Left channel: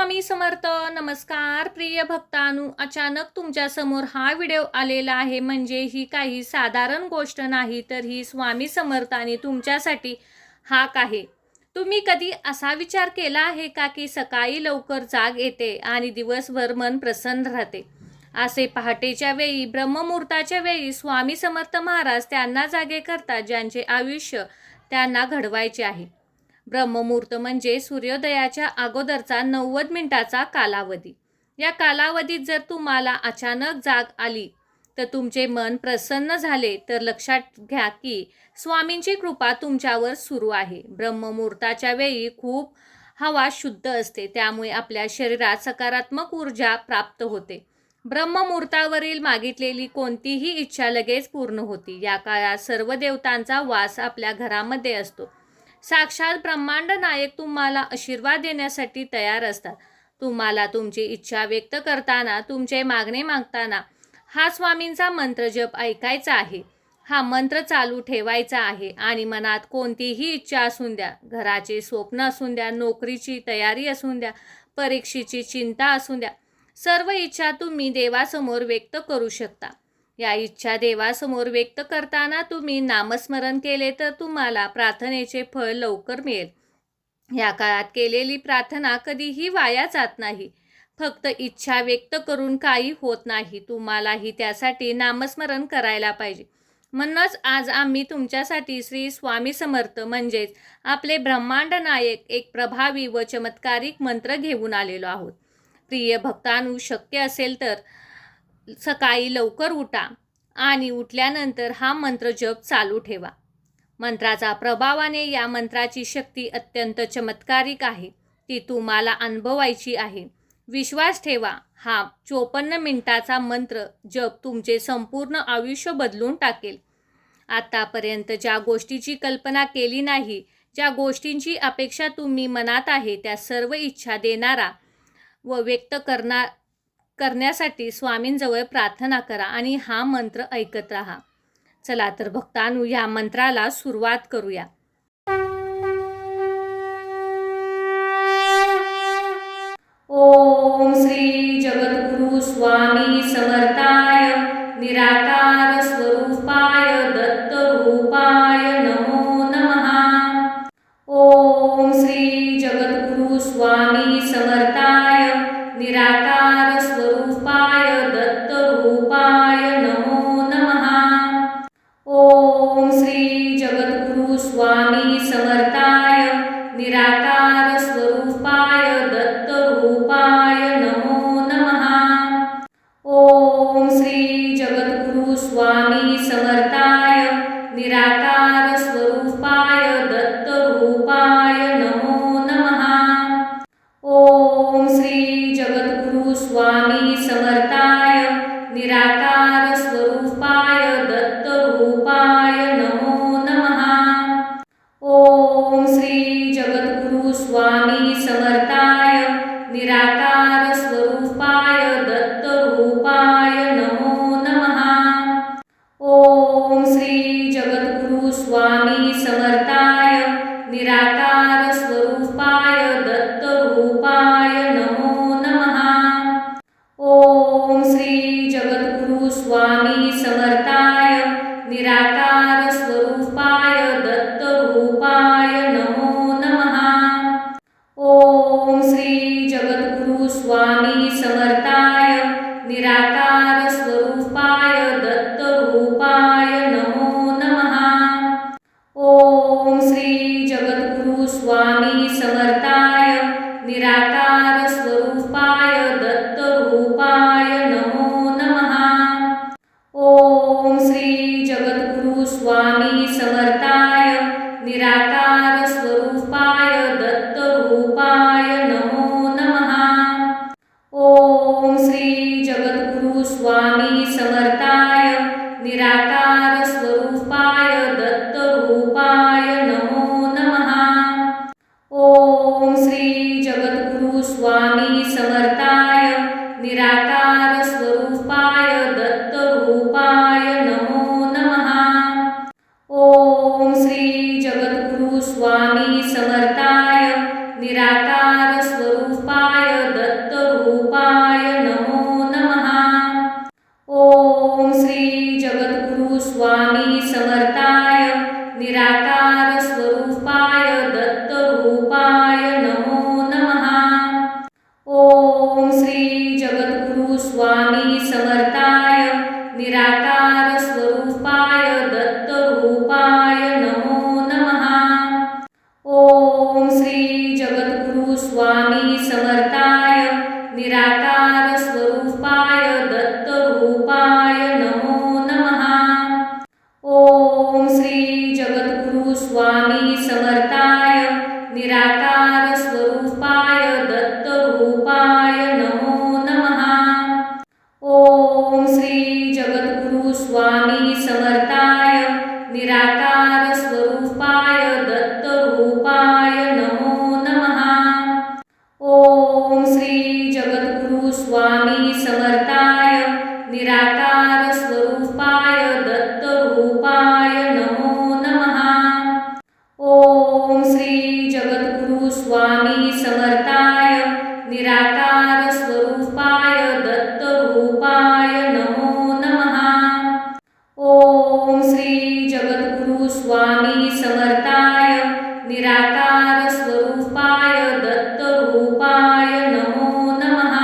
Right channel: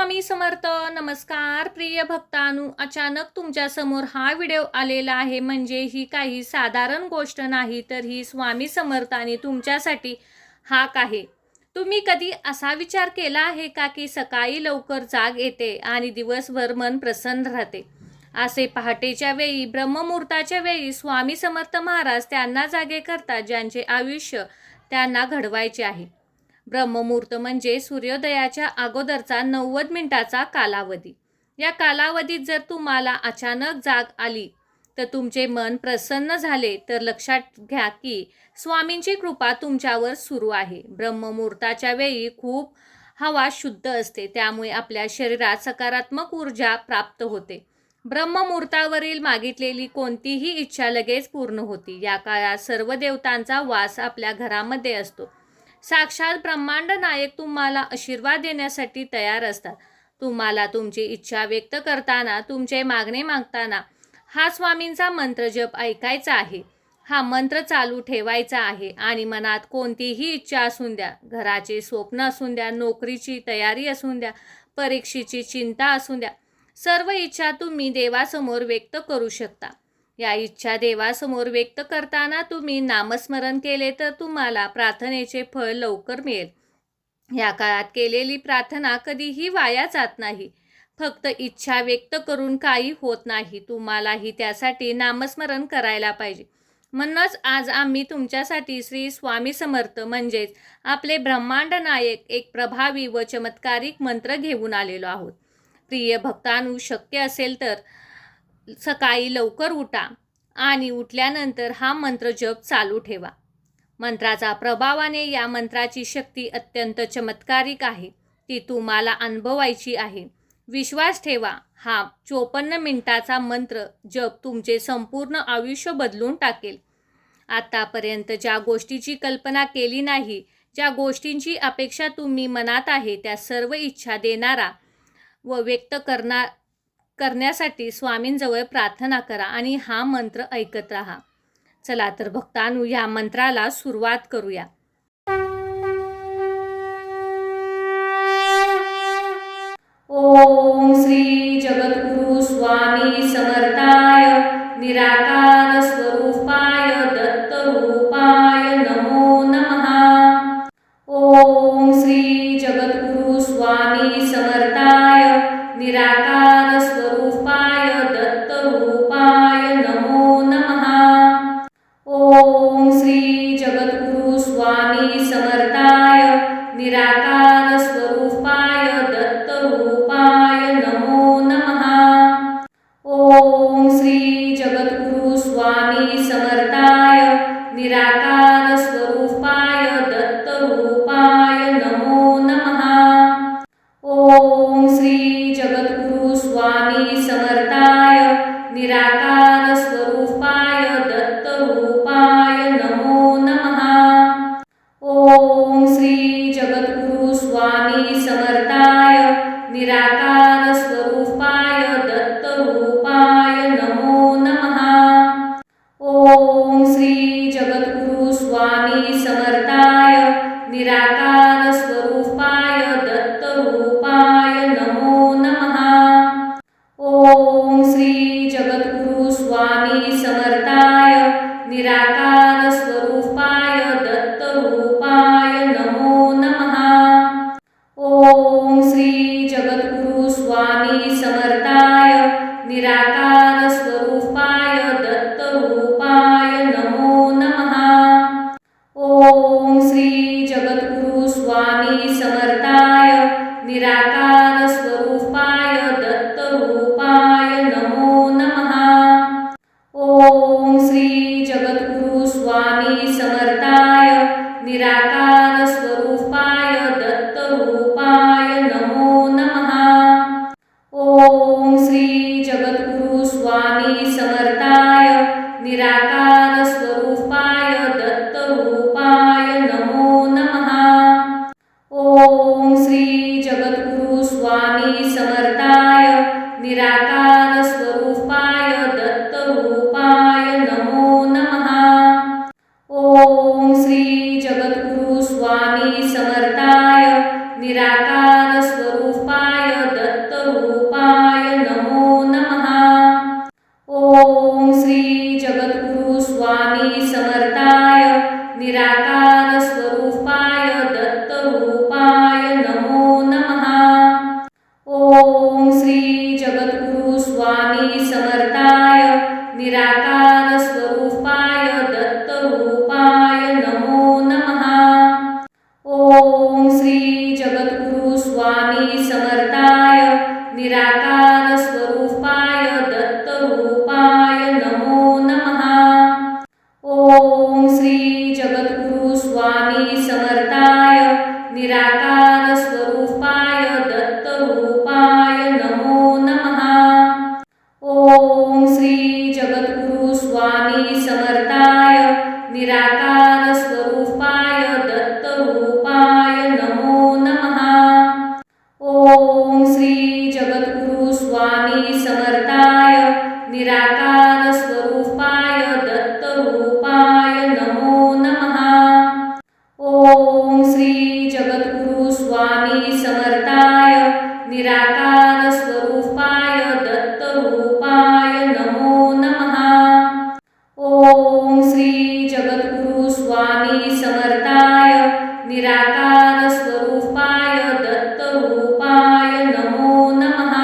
स्वामी समर्थ. नमस्कार प्रिय भक्तांनो, अचानक तुमच्या समोर हा व्हिडिओ आलेला आहे म्हणजे ही काही साधारण गोष्ट नाही, तर ही स्वामी समर्थांनी तुमच्यासाठी हाक आहे. तुम्ही कधी असा विचार केला आहे का की सकाळी लवकर जाग येते आणि दिवसभर मन प्रसन्न राहते. असे पहाटेच्या वेळी ब्रह्ममुहूर्ताच्या वेळी स्वामी समर्थ महाराज त्यांना जागे करतात ज्यांचे आयुष्य त्यांना घडवायचे आहे. ब्रह्ममुहूर्त म्हणजे सूर्योदयाच्या अगोदरचा 90 मिनिटाचा कालावधी. या कालावधीत जर तुम्हाला अचानक जाग आली तर तुमचे मन प्रसन्न झाले तर लक्षात घ्या की स्वामींची कृपा तुमच्यावर सुरू आहे. ब्रह्ममुहूर्ताच्या वेळी खूप हवा शुद्ध असते, त्यामुळे आपल्या शरीरात सकारात्मक ऊर्जा प्राप्त होते. ब्रह्ममुहूर्तावरील मागितलेली कोणतीही इच्छा लगेच पूर्ण होती. या काळात सर्व देवतांचा वास आपल्या घरामध्ये असतो. साक्षात ब्रह्मांड नायक तुम्हाला आशीर्वाद देण्यासाठी तयार असतात. तुम्हाला तुमची इच्छा व्यक्त करताना, तुमचे मागणे मागताना हा स्वामींचा मंत्र जप ऐकायचा आहे. हा मंत्र चालू ठेवायचा आहे आणि मनात कोणतीही इच्छा असून द्या, घराचे स्वप्न असून द्या, नोकरीची तयारी असून द्या, परीक्षेची चिंता असून द्या, सर्व इच्छा तुम्ही देवासमोर व्यक्त करू शकता. या इच्छा देवासमोर व्यक्त करताना तुम्ही नामस्मरण केले तर तुम्हाला प्रार्थनेचे फळ लवकर मिळेल. या काळात केलेली प्रार्थना कधीही वाया जात नाही. फक्त इच्छा व्यक्त करून काही होत नाही, तुम्हालाही त्यासाठी नामस्मरण करायला पाहिजे. म्हणूनच आज आम्ही तुमच्यासाठी श्री स्वामी समर्थ म्हणजेच आपले ब्रह्मांड नायक एक प्रभावी व चमत्कारिक मंत्र घेऊन आलेलो आहोत. प्रिय भक्तांनो, शक्य असेल तर सकाळी लवकर उठा आणि उठल्यानंतर हा मंत्र जप चालू ठेवा. मंत्राचा प्रभावाने या मंत्राची शक्ती अत्यंत चमत्कारिक आहे, ती तुम्हाला अनुभवायची आहे. विश्वास ठेवा, हा 54 मिनिटाचा मंत्र जप तुमचे संपूर्ण आयुष्य बदलून टाकेल. आतापर्यंत ज्या गोष्टीची कल्पना केली नाही, ज्या गोष्टींची अपेक्षा तुम्ही मनात आहे, त्या सर्व इच्छा देणारा व व्यक्त करण्यासाठी स्वामींजवळ प्रार्थना करा आणि हा मंत्र ऐकत राहा. चला तर भक्तांनो, या मंत्राला सुरुवात करूया. ओम श्री जगद्गुरु स्वामी समर्थाय निराकार स्वरूपाय दत्त रूपाय नमो नमः. ओम श्री जगद्गुरु स्वामी समर्थाय निराकार स्वरूपाय दत्त रूपाय नमो नमः. ओम श्री जगद्गुरु स्वामी समर्थाय निराकार स्वरूपाय दत्त रूपाय नमो नमः. ओम श्री जगद्गुरु स्वामी समर्थाय निराकार स्वरूपाय दत्त रूपाय नमो नमः. ओम श्री जगद्गुरु स्वामी समर्थाय निराकार स्वरूपाय दत्त रूपाय नमो नमः. ओम श्री जगद्गुरु स्वामी समर्थाय निराकार स्वरूपाय दत्त रूपाय नमो नमः. ओम श्री जगद्गुरु स्वामी समर्थाय निराकार स्वरूपाय दत्त रूपाय नमो नमः. ओम श्री जगद्गुरु स्वामी समर्थाय निराकार स्वरूपाय दत्त रूपाय नमो नमः. ओम श्री जगद्गुरु स्वामी समर्थाय निराकार स्वरूपाय दत्त रूपाय नमो नमः. ओम श्री जगद्गुरु स्वामी समर्थाय निराकार स्वरूपाय दत्त रूपाय नमो नमः. ओम श्री जगद्गुरु स्वामी समर्थाय निराकार स्वरूपाय दत्त रूपाय नमो नमः. ओम श्री जगद्गुरु स्वामी समर्थाय निराकार स्वरूपाय दत्त रूपाय नमो नमः. ओम श्री जगद्गुरु स्वामी समर्थाय निराकार स्वरूपाय दत्त रूपाय नमो नमः. ओम श्री जगद्गुरु स्वामी समर्थाय निराकार स्वरूपाय स्वामी समर्थाय निराकार स्वरूपाय दत्तरूपाय नमो नमः। ओम श्री जगद्गुरु स्वामी समर्थाय निराकार स्वरूपाय दत्तरूपाय नमो नमः। ओम श्री जगद्गुरु स्वामी समर्थाय निराकार स्वरूपाय दत्तरूपाय नमो नमः। ओम श्री जगद्गुरु स्वामी समर्थाय निराकार स्वरूपाय दत्तरूपाय नमो नमः। ओम श्री जगद्गुरु स्वामी समर्थाय निराकार स्वरूपाय दत्तरूपाय नमो नमः।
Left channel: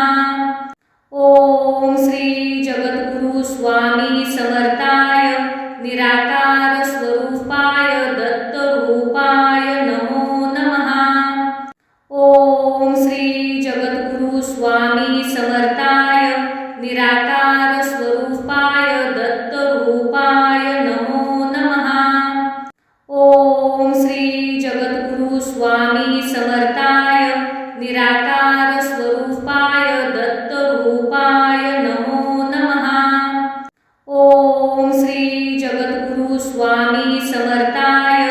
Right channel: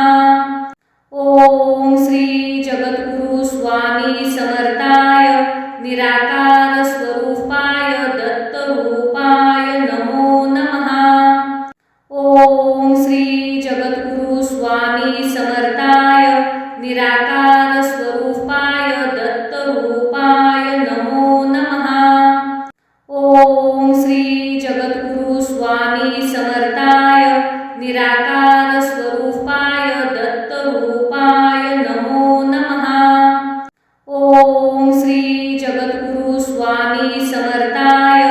ओम श्री जगद्गुरु स्वामी समर्थाय निराकार स्वरूपाय दत्तरूपाय नमो नमः। ओम श्री जगद्गुरु स्वामी समर्थाय निराकार स्वरूपाय दत्तरूपाय नमो नमः। ओम श्री जगद्गुरु स्वामी समर्थाय निराकार स्वरूपाय दत्तरूपाय नमो नमः। ओम श्री जगद्गुरु स्वामी समर्थाय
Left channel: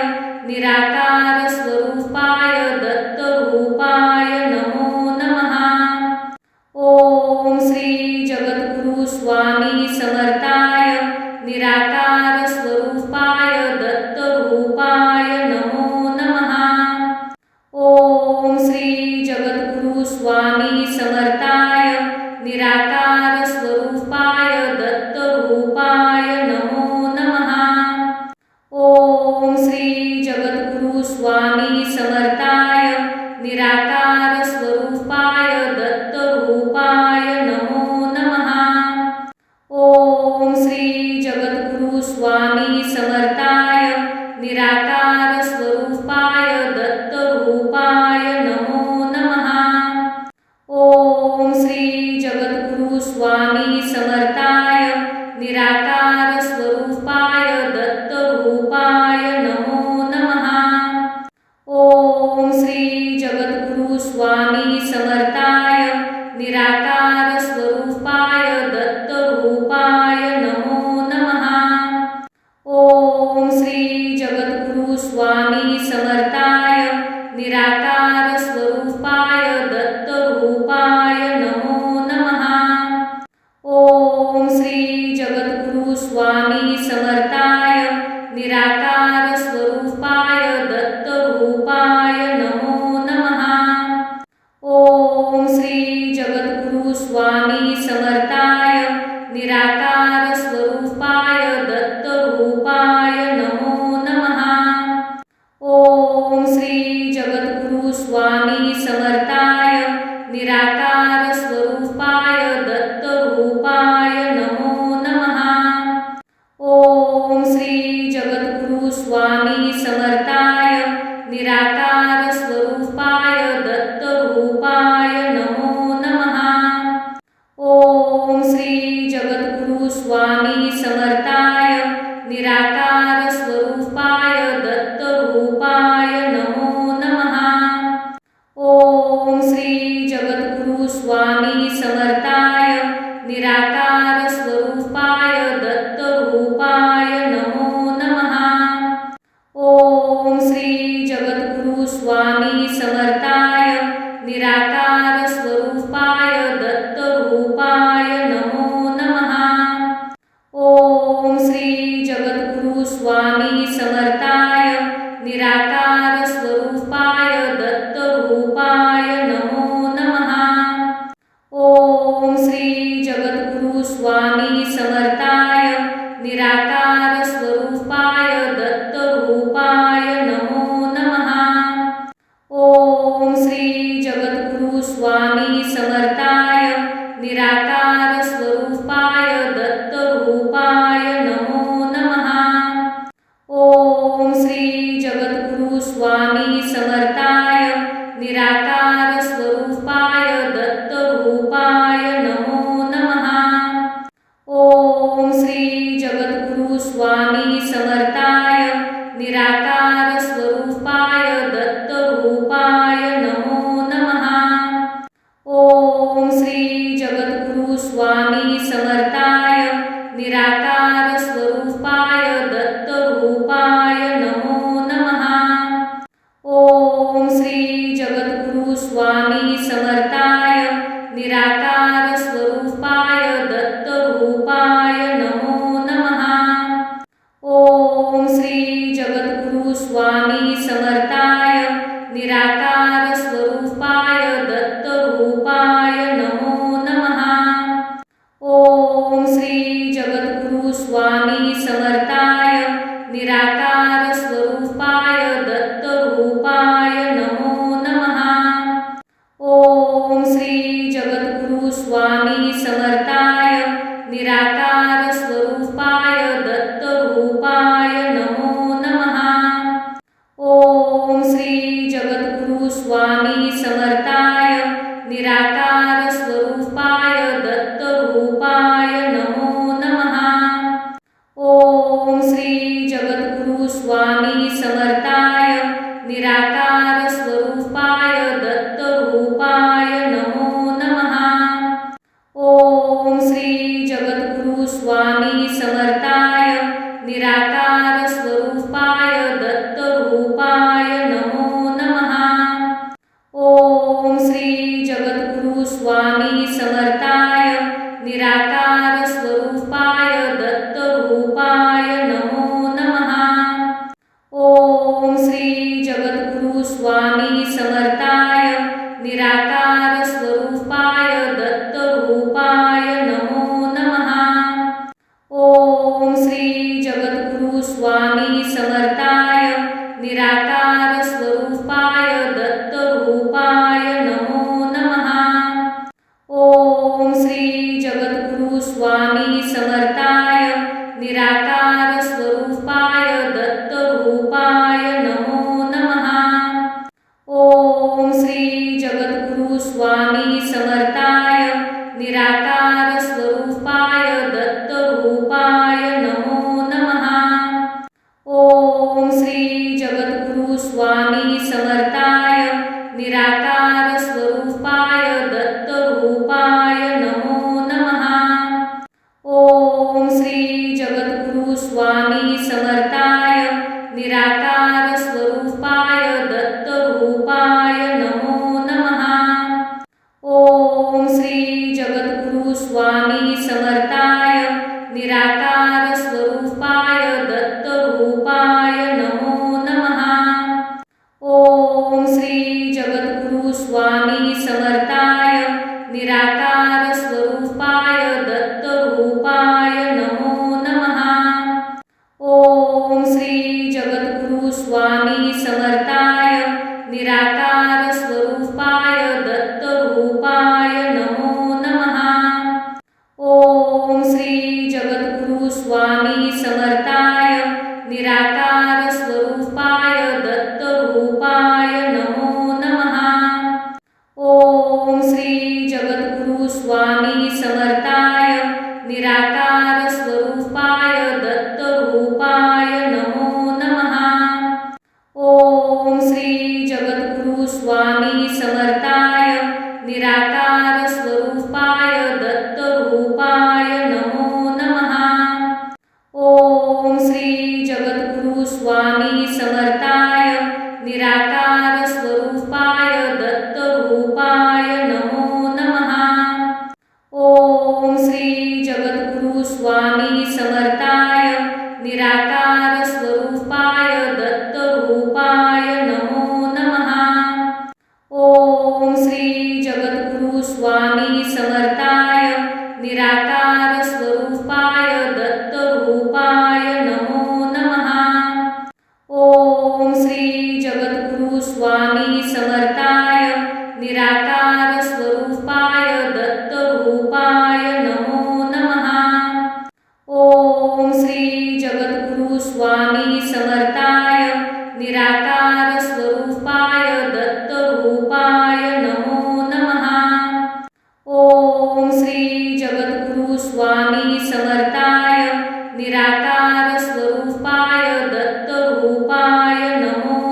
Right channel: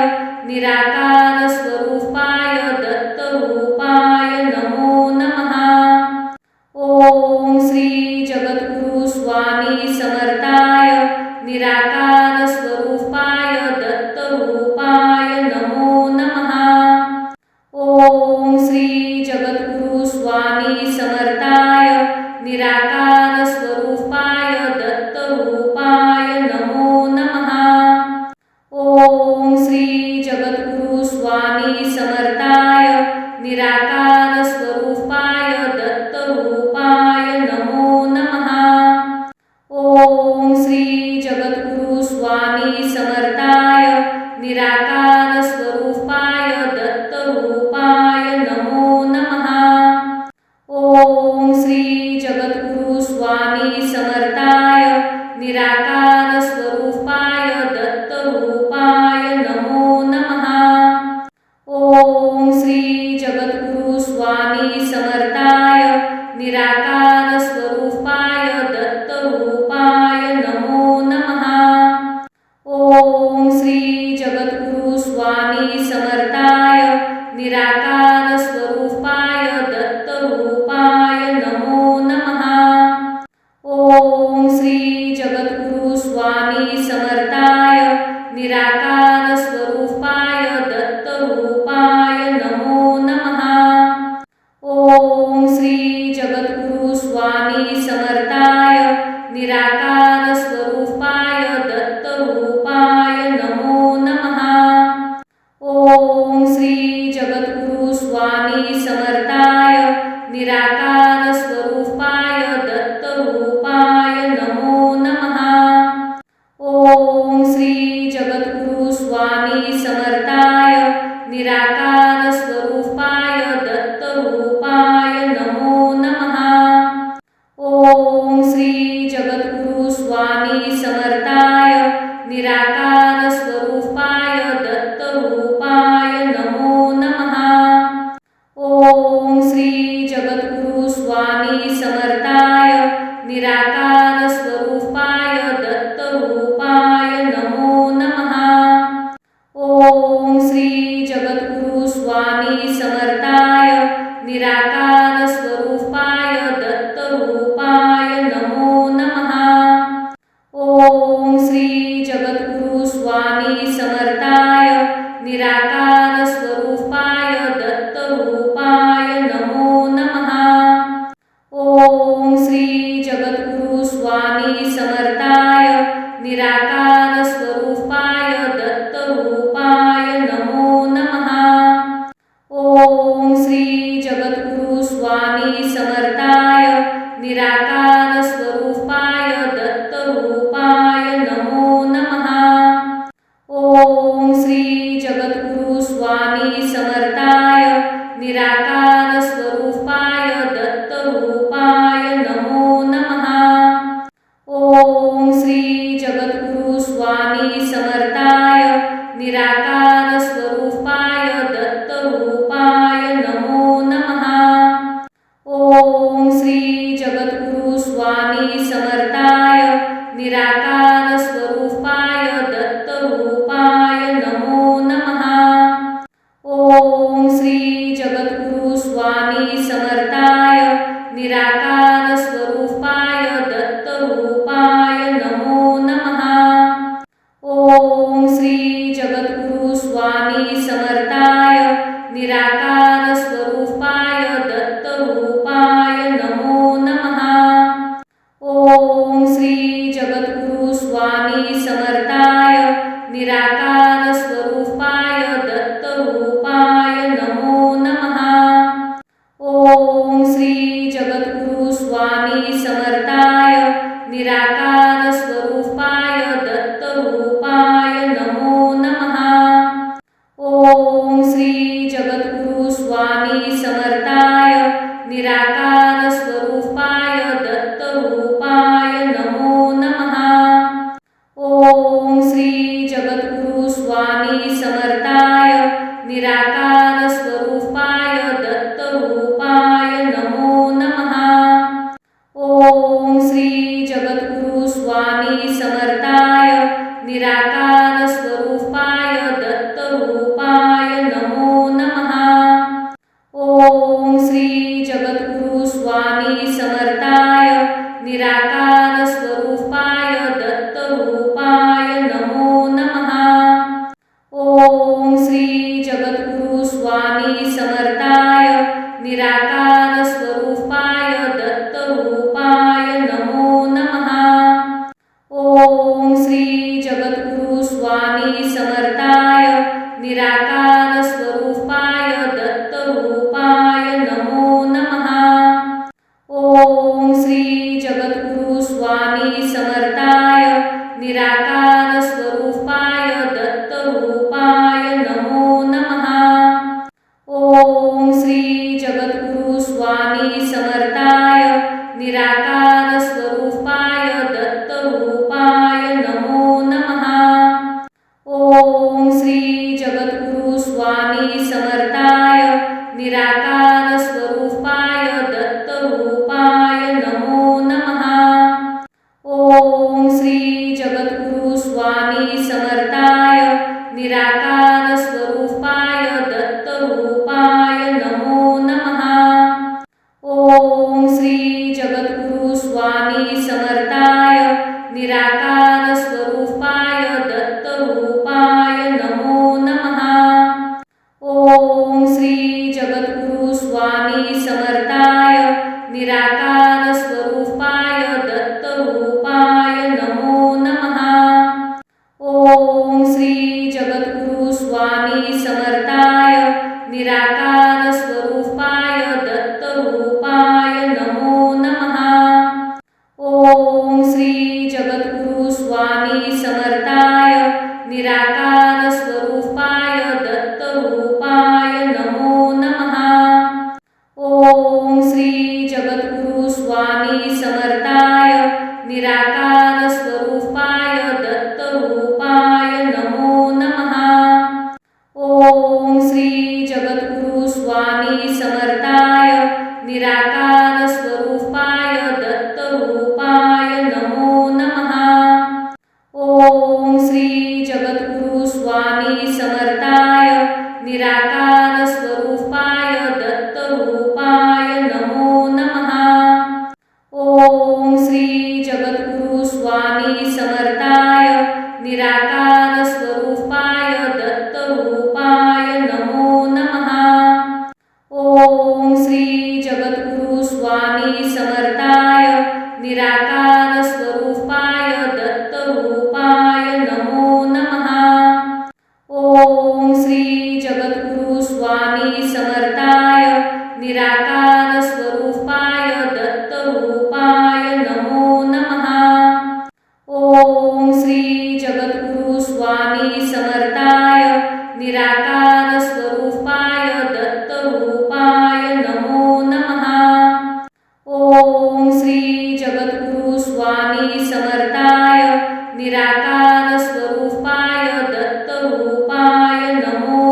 निराकार स्वरूपाय दत्तरूपाय नमो नमः। ओम श्री जगद्गुरु स्वामी समर्थाय निराकार स्वरूपाय दत्तरूपाय नमो नमः। ओम श्री जगद्गुरु स्वामी समर्थाय निराकार स्वरूपाय दत्तरूपाय नमो नमः। ओम श्री जगद्गुरु स्वामी समर्थाय निराकार स्वरूपाय दत्तरूपाय नमो नमः। ओम श्री जगद्गुरु स्वामी समर्थाय निराकार स्वरूपाय दत्तरूपाय नमो नमः। ओम श्री जगद्गुरु स्वामी समर्थाय निराकार स्वरूपाय दत्तरूपाय नमो नमः। ओम श्री जगद्गुरु स्वामी समर्थाय निराकार स्वरूपाय दत्तरूपाय नमो नमः। ओम श्री जगद्गुरु स्वामी समर्थाय निराकार स्वरूपाय दत्तरूपाय नमो नमः। ओम श्री जगद्गुरु स्वामी समर्थाय निराकार स्वरूपाय दत्तरूपाय नमो नमः। ओम श्री जगद्गुरु स्वामी समर्थाय निराकार स्वरूपाय दत्तरूपाय नमो नमः। ओम श्री जगद्गुरु स्वामी समर्थाय निराकार स्वरूपाय दत्तरूपाय नमो नमः। ओम श्री जगद्गुरु स्वामी समर्थाय निराकार स्वरूपाय दत्तरूपाय नमो नमः। ओम श्री जगद्गुरु स्वामी समर्थाय निराकार स्वरूपाय दत्तरूपाय नमो नमः। ओम श्री जगद्गुरु स्वामी समर्थाय निराकार स्वरूपाय दत्तरूपाय नमो नमः। ओम श्री जगद्गुरु स्वामी समर्थाय निराकार स्वरूपाय दत्तरूपाय नमो नमः। ओम श्री जगद्गुरु स्वामी समर्थाय निराकार स्वरूपाय दत्तरूपाय नमो नमः। ओम श्री जगद्गुरु स्वामी समर्थाय निराकार स्वरूपाय दत्तरूपाय नमो नमः। ओम श्री जगद्गुरु स्वामी समर्थाय निराकार स्वरूपाय दत्तरूपाय नमो नमः। ओम श्री जगद्गुरु स्वामी समर्थाय निराकार स्वरूपाय दत्तरूपाय नमो नमः। ओम श्री जगद्गुरु स्वामी समर्थाय निराकार स्वरूपाय दत्तरूपाय नमो नमः। ओम श्री जगद्गुरु स्वामी समर्थाय निराकार स्वरूपाय दत्तरूपाय नमो नमः। ओम श्री जगद्गुरु स्वामी समर्थाय निराकार स्वरूपाय दत्तरूपाय नमो नमः। ओम श्री जगद्गुरु स्वामी समर्थाय निराकार स्वरूपाय दत्तरूपाय नमो नमः। ओम श्री जगद्गुरु स्वामी समर्थाय निराकार स्वरूपाय दत्तरूपाय नमो नमः। ओम श्री जगद्गुरु स्वामी समर्थाय निराकार स्वरूपाय दत्तरूपाय नमो नमः। ओम श्री जगद्गुरु स्वामी समर्थाय निराकार स्वरूपाय दत्तरूपाय नमो नमः। ओम श्री जगद्गुरु स्वामी समर्थाय निराकार स्वरूपाय दत्तरूपाय नमो नमः। ओम श्री जगद्गुरु स्वामी समर्थाय निराकार स्वरूपाय दत्तरूपाय नमो नमः। ओम श्री जगद्गुरु स्वामी समर्थाय निराकार स्वरूपाय दत्तरूपाय नमो नमः। ओम श्री जगद्गुरु स्वामी समर्थाय निराकार स्वरूपाय दत्तरूपाय नमो नमः। ओम श्री जगद्गुरु स्वामी समर्थाय निराकार स्वरूपाय दत्तरूपाय नमो नमः। ओम श्री जगद्गुरु स्वामी समर्थाय निराकार स्वरूपाय दत्तरूपाय नमो नमः। ओम श्री जगद्गुरु स्वामी समर्थाय निराकार स्वरूपाय दत्तरूपाय नमो नमः। ओम श्री जगद्गुरु स्वामी समर्थाय निराकार स्वरूपाय दत्तरूपाय नमो नमः। ओम श्री जगद्गुरु स्वामी समर्थाय निराकार स्वरूपाय दत्तरूपाय नमो नमः। ओम श्री जगद्गुरु स्वामी समर्थाय निराकार स्वरूपाय दत्तरूपाय नमो नमः। ओम श्री जगद्गुरु स्वामी समर्थाय निराकार स्वरूपाय दत्तरूपाय नमो नमः। ओम श्री जगद्गुरु स्वामी समर्थाय निराकार स्वरूपाय दत्तरूपाय नमो नमः। ओम श्री जगद्गुरु स्वामी समर्थाय निराकार स्वरूपाय दत्तरूपाय नमो नमः। ओम श्री जगद्गुरु स्वामी समर्थाय निराकार स्वरूपाय दत्तरूपाय नमो नमः। ओम श्री जगद्गुरु स्वामी समर्थाय निराकार स्वरूपाय दत्तरूपाय नमो नमः। ओम श्री जगद्गुरु स्वामी समर्थाय निराकार स्वरूपाय दत्तरूपाय नमो नमः। ओम श्री जगद्गुरु स्वामी समर्थाय निराकार स्वरूपाय दत्तरूपाय नमो नमः। ओम श्री जगद्गुरु स्वामी समर्थाय निराकार स्वरूपाय दत्तरूपाय नमो नमः। ओम श्री जगद्गुरु स्वामी समर्थाय निराकार स्वरूपाय दत्तरूपाय नमो नमः। ओम श्री जगद्गुरु स्वामी समर्थाय निराकार स्वरूपाय दत्तरूपाय नमो नमः। ओम श्री जगद्गुरु स्वामी समर्थाय निराकार स्वरूपाय दत्तरूपाय नमो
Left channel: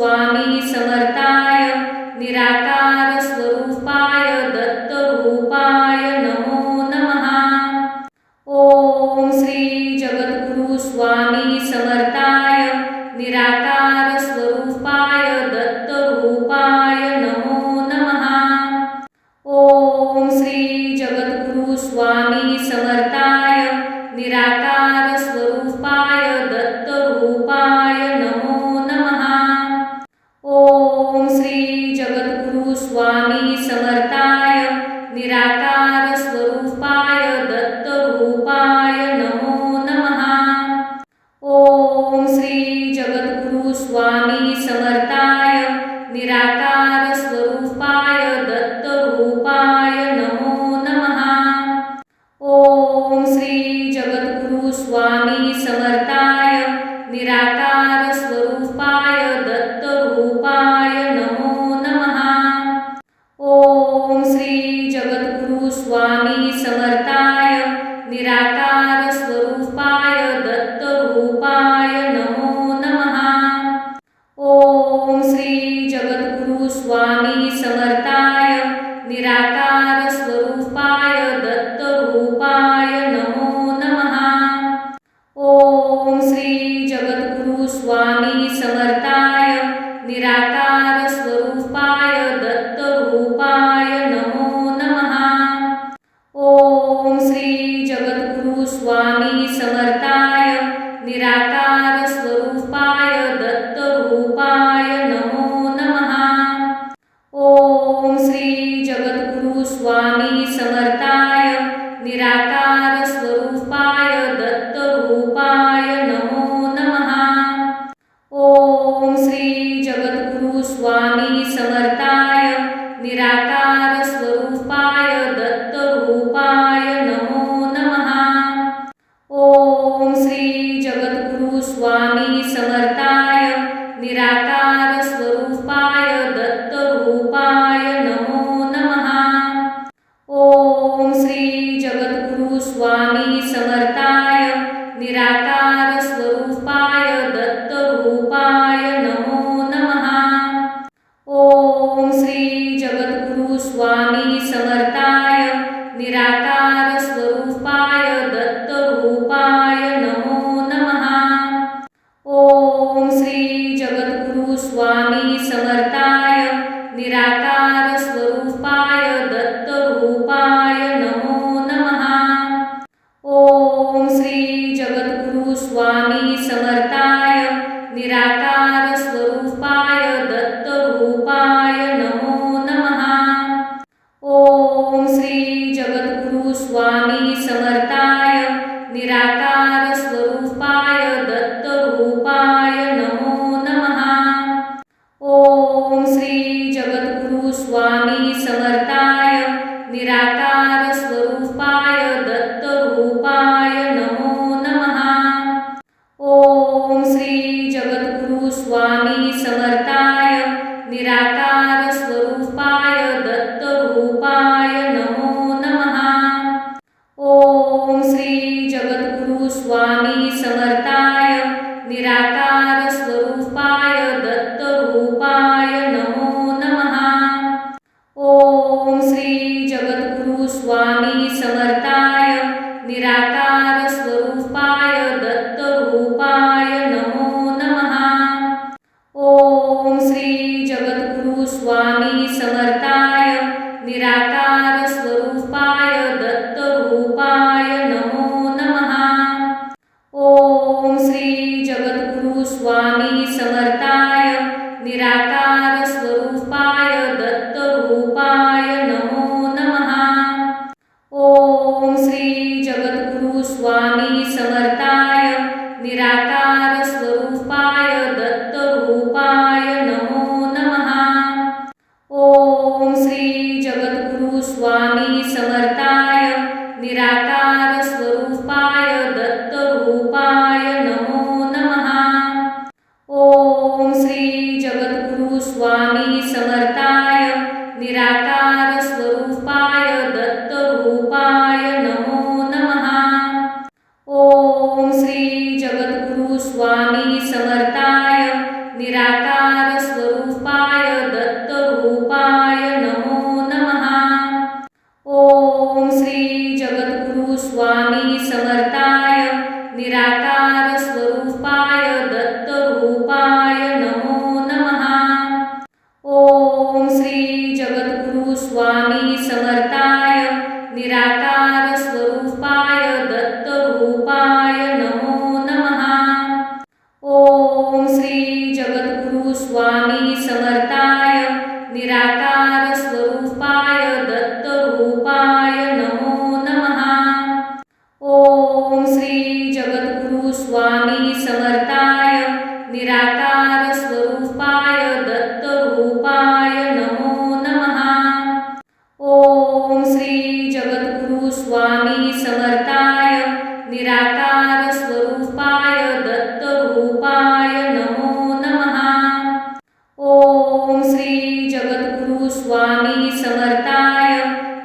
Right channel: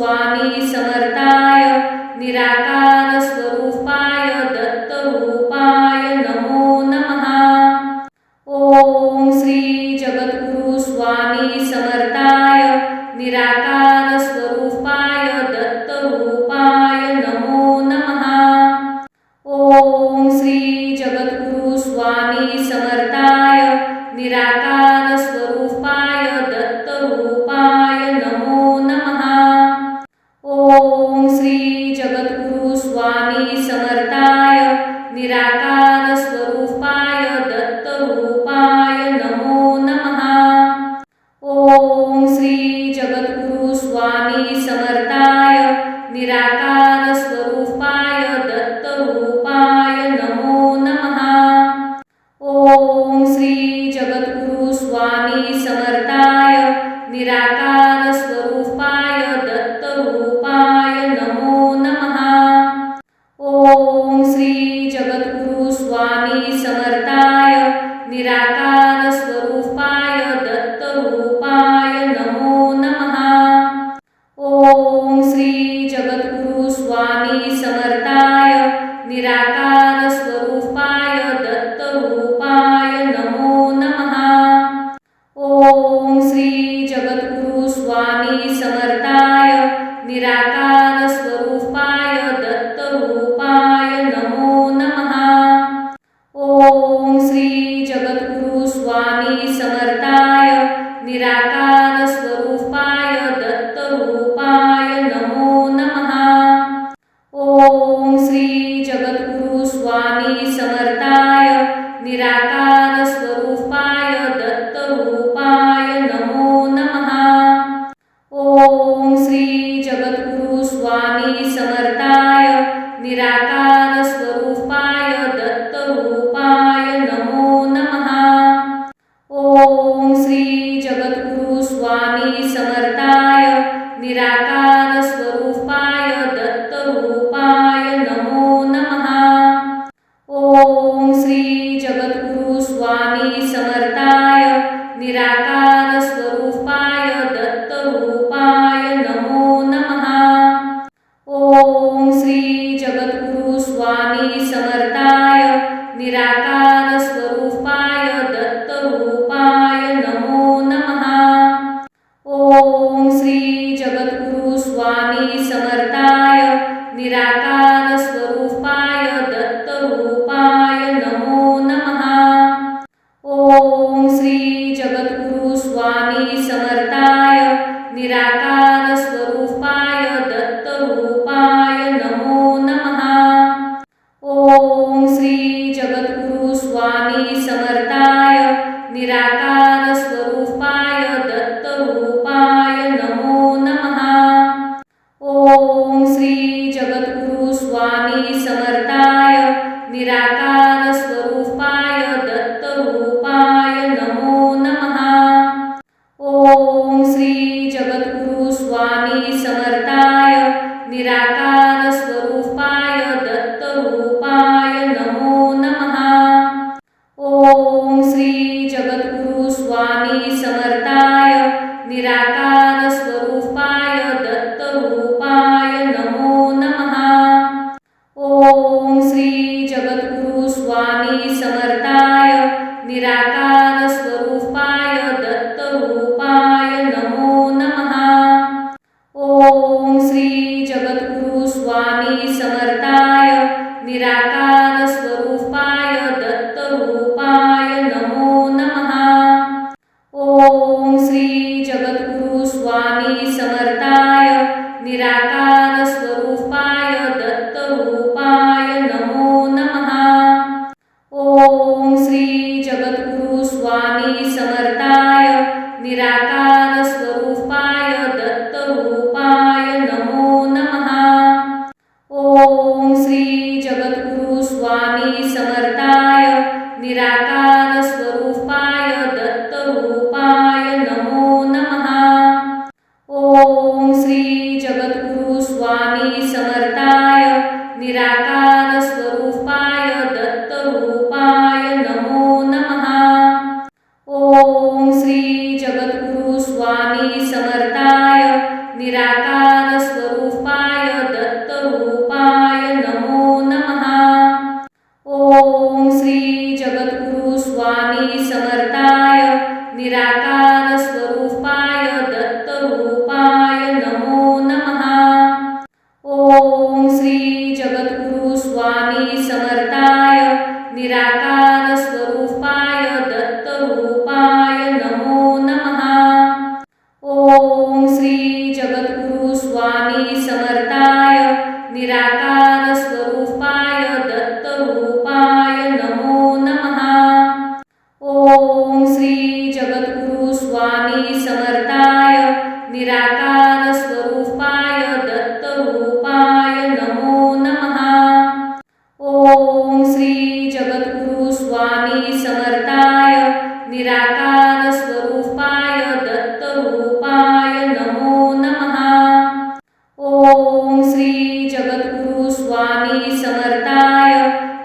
स्वामी समर्थाय निराकार स्वरूपाय दत्तरूपाय नमो नमः। ओम श्री जगद्गुरु स्वामी समर्थाय निराकार स्वरूपाय दत्तरूपाय नमो नमः। ओम श्री जगद्गुरु स्वामी समर्थाय निराकार स्वरूपाय दत्तरूपाय नमो नमः। ओम श्री जगद्गुरु स्वामी समर्थाय निराकार स्वरूपाय दत्तरूपाय नमो नमः। ओम श्री जगद्गुरु स्वामी समर्थाय निराकार स्वरूपाय दत्तरूपाय नमो नमः। ओम श्री जगद्गुरु स्वामी समर्थाय निराकार स्वरूपाय दत्तरूपाय नमो नमः। ओम श्री जगद्गुरु स्वामी समर्थाय निराकार स्वरूपाय दत्तरूपाय नमो नमः। ओम श्री जगद्गुरु स्वामी समर्थाय निराकार स्वरूपाय दत्तरूपाय नमो नमः। ओम श्री जगद्गुरु स्वामी समर्थाय निराकार स्वरूपाय दत्तरूपाय नमो नमः। ओम श्री जगद्गुरु स्वामी समर्थाय निराकार स्वरूपाय दत्तरूपाय नमो नमः। ओम श्री जगद्गुरु स्वामी समर्थाय निराकार स्वरूपाय दत्तरूपाय नमो नमः। ओम श्री जगद्गुरु स्वामी समर्थाय निराकार स्वरूपाय दत्तरूपाय नमो नमः। ओम श्री जगद्गुरु स्वामी समर्थाय निराकार स्वरूपाय दत्तरूपाय नमो नमः। ओम श्री जगद्गुरु स्वामी समर्थाय निराकार स्वरूपाय दत्तरूपाय नमो नमः। ओम श्री जगद्गुरु स्वामी समर्थाय निराकार स्वरूपाय दत्तरूपाय नमो नमः। ओम श्री जगद्गुरु स्वामी समर्थाय निराकार स्वरूपाय दत्तरूपाय नमो नमः। ओम श्री जगद्गुरु स्वामी समर्थाय निराकार स्वरूपाय दत्तरूपाय नमो नमः। ओम श्री जगद्गुरु स्वामी समर्थाय निराकार स्वरूपाय दत्तरूपाय नमो नमः। ओम श्री जगद्गुरु स्वामी समर्थाय निराकार स्वरूपाय दत्तरूपाय नमो नमः। ओम श्री जगद्गुरु स्वामी समर्थाय निराकार स्वरूपाय दत्तरूपाय नमो नमः। ओम श्री जगद्गुरु स्वामी समर्थाय निराकार स्वरूपाय दत्तरूपाय नमो नमः। ओम श्री जगद्गुरु स्वामी समर्थाय निराकार स्वरूपाय दत्तरूपाय नमो नमः। ओम श्री जगद्गुरु स्वामी समर्थाय निराकार स्वरूपाय दत्तरूपाय नमो नमः। ओम श्री जगद्गुरु स्वामी समर्थाय निराकार स्वरूपाय दत्तरूपाय नमो नमः। ओम श्री जगद्गुरु स्वामी समर्थाय निराकार स्वरूपाय दत्तरूपाय नमो नमः। ओम श्री जगद्गुरु स्वामी समर्थाय निराकार स्वरूपाय दत्तरूपाय नमो नमः। ओम श्री जगद्गुरु स्वामी समर्थाय निराकार स्वरूपाय दत्तरूपाय नमो नमः। ओम श्री जगद्गुरु स्वामी समर्थाय निराकार स्वामी समर्थाय निराकार स्वरूपाय दत्तरूपाय नमो नमः। ओम श्री जगद्गुरु स्वामी समर्थाय निराकार स्वरूपाय दत्तरूपाय नमो नमः। ओम श्री जगद्गुरु स्वामी समर्थाय निराकार स्वरूपाय दत्तरूपाय नमो नमः। ओम श्री जगद्गुरु स्वामी समर्थाय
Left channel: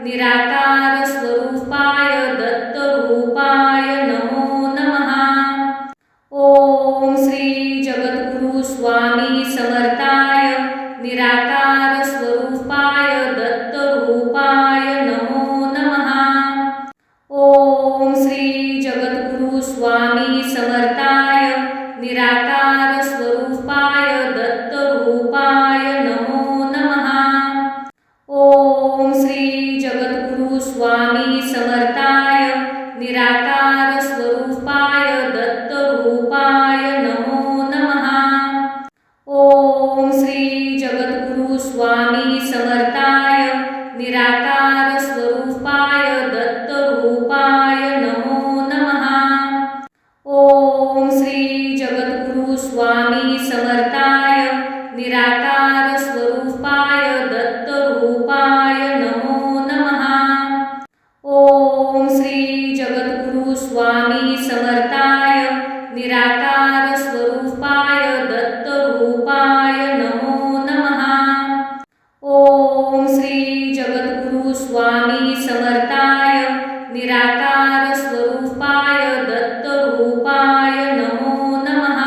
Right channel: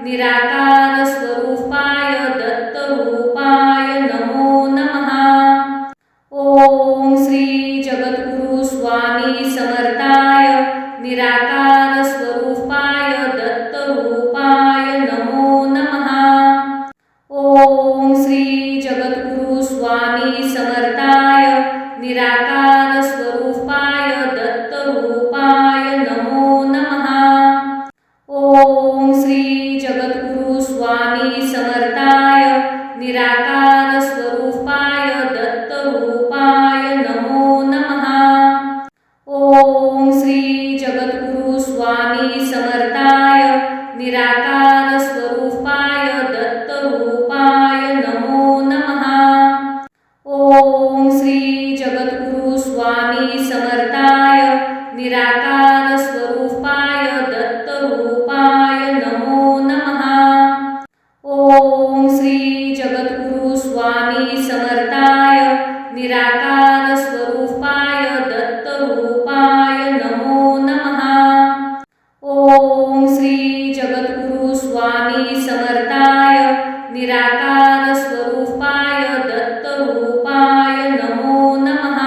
निराकार स्वरूपाय दत्तरूपाय नमो नमः। ओम श्री जगद्गुरु स्वामी समर्थाय निराकार स्वरूपाय दत्तरूपाय नमो नमः। ओम श्री जगद्गुरु स्वामी समर्थाय निराकार स्वरूपाय दत्तरूपाय नमो नमः। ओम श्री जगद्गुरु स्वामी समर्थाय निराकार स्वरूपाय दत्तरूपाय नमो नमः। ओम श्री जगद्गुरु स्वामी समर्थाय निराकार स्वरूपाय दत्तरूपाय नमो नमः। ओम श्री जगद्गुरु स्वामी समर्थाय निराकार स्वरूपाय दत्तरूपाय नमो नमः। ओम श्री जगद्गुरु स्वामी समर्थाय निराकार स्वरूपाय दत्तरूपाय नमो नमः। ओम श्री जगद्गुरु स्वामी समर्थाय निराकार स्वरूपाय दत्तरूपाय नमो नमः।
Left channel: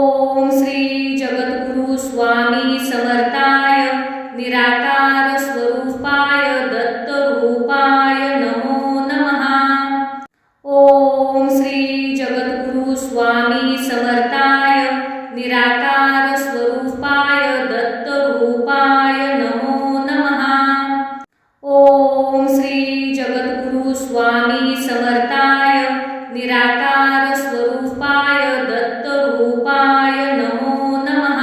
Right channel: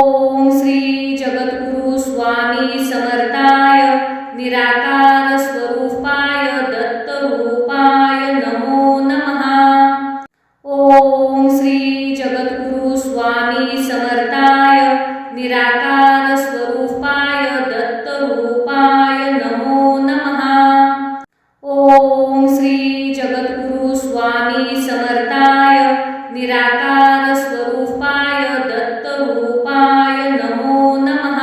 ओम श्री जगद्गुरु स्वामी समर्थाय निराकार स्वरूपाय दत्तरूपाय नमो नमः। ओम श्री जगद्गुरु स्वामी समर्थाय निराकार स्वरूपाय दत्तरूपाय नमो नमः। ओम श्री जगद्गुरु स्वामी समर्थाय निराकार स्वरूपाय दत्तरूपाय नमो नमः।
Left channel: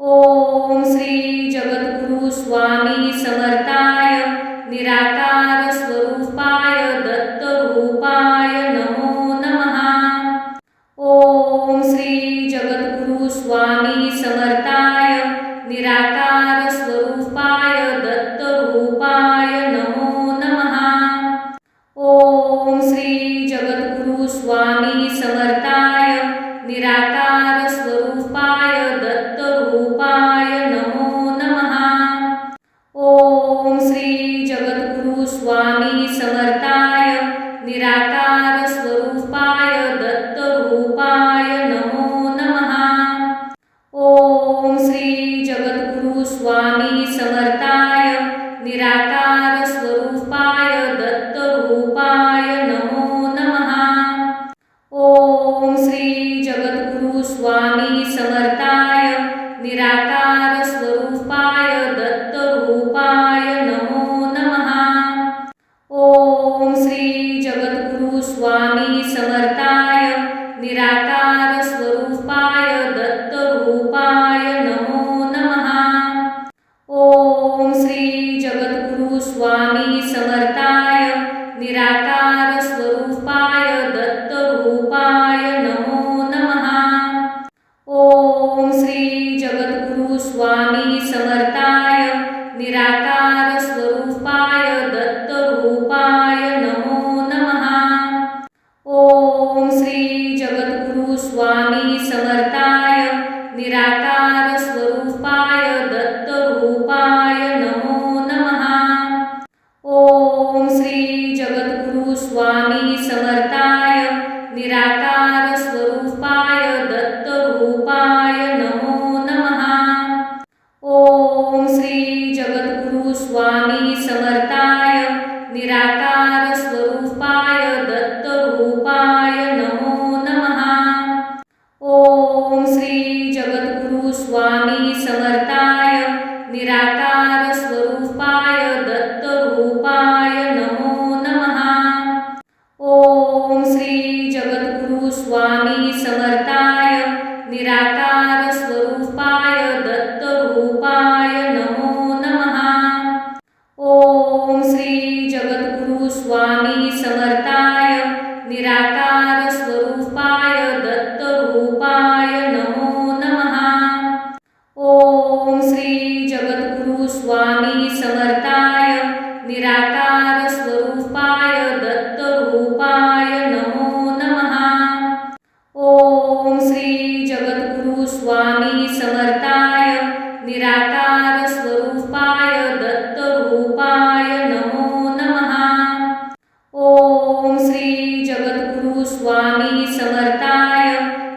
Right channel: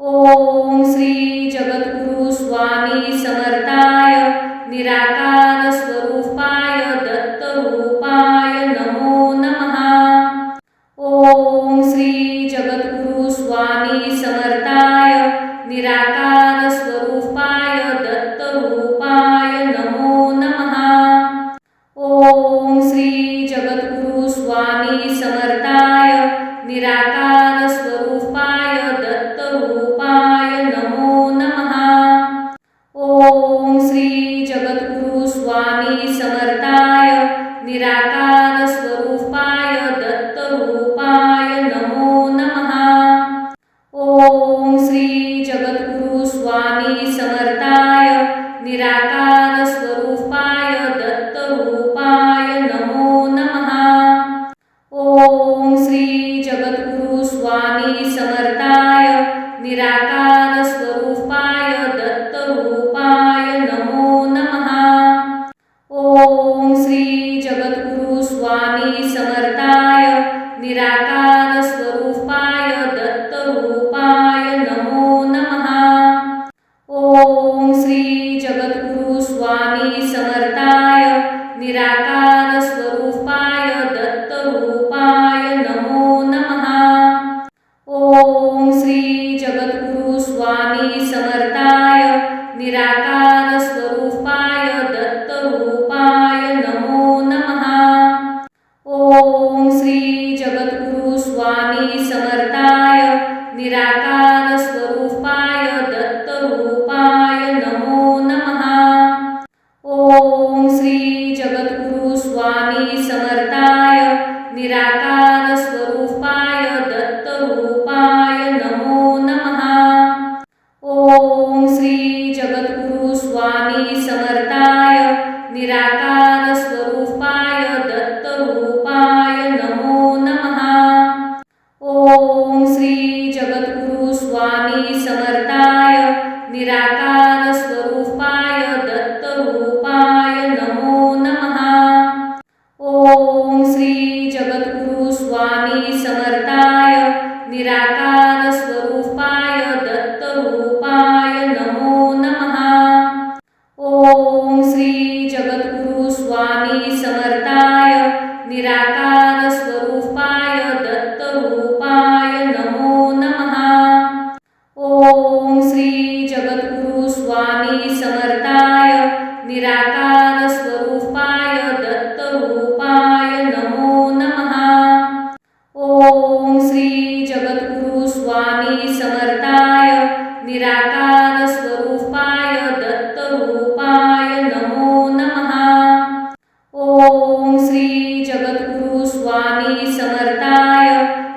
ओम श्री जगद्गुरु स्वामी समर्थाय निराकार स्वरूपाय दत्तरूपाय नमो नमः। ओम श्री जगद्गुरु स्वामी समर्थाय निराकार स्वरूपाय दत्तरूपाय नमो नमः। ओम श्री जगद्गुरु स्वामी समर्थाय निराकार स्वरूपाय दत्तरूपाय नमो नमः। ओम श्री जगद्गुरु स्वामी समर्थाय निराकार स्वरूपाय दत्तरूपाय नमो नमः। ओम श्री जगद्गुरु स्वामी समर्थाय निराकार स्वरूपाय दत्तरूपाय नमो नमः। ओम श्री जगद्गुरु स्वामी समर्थाय निराकार स्वरूपाय दत्तरूपाय नमो नमः। ओम श्री जगद्गुरु स्वामी समर्थाय निराकार स्वरूपाय दत्तरूपाय नमो नमः। ओम श्री जगद्गुरु स्वामी समर्थाय निराकार स्वरूपाय दत्तरूपाय नमो नमः। ओम श्री जगद्गुरु स्वामी समर्थाय निराकार स्वरूपाय दत्तरूपाय नमो नमः। ओम श्री जगद्गुरु स्वामी समर्थाय निराकार स्वरूपाय दत्तरूपाय नमो नमः। ओम श्री जगद्गुरु स्वामी समर्थाय निराकार स्वरूपाय दत्तरूपाय नमो नमः। ओम श्री जगद्गुरु स्वामी समर्थाय निराकार स्वरूपाय दत्तरूपाय नमो नमः। ओम श्री जगद्गुरु स्वामी समर्थाय निराकार स्वरूपाय दत्तरूपाय नमो नमः। ओम श्री जगद्गुरु स्वामी समर्थाय निराकार समर्थाय निराकार स्वरूपाय दत्तरूपाय नमो नमः। ओम श्री जगद्गुरु स्वामी समर्थाय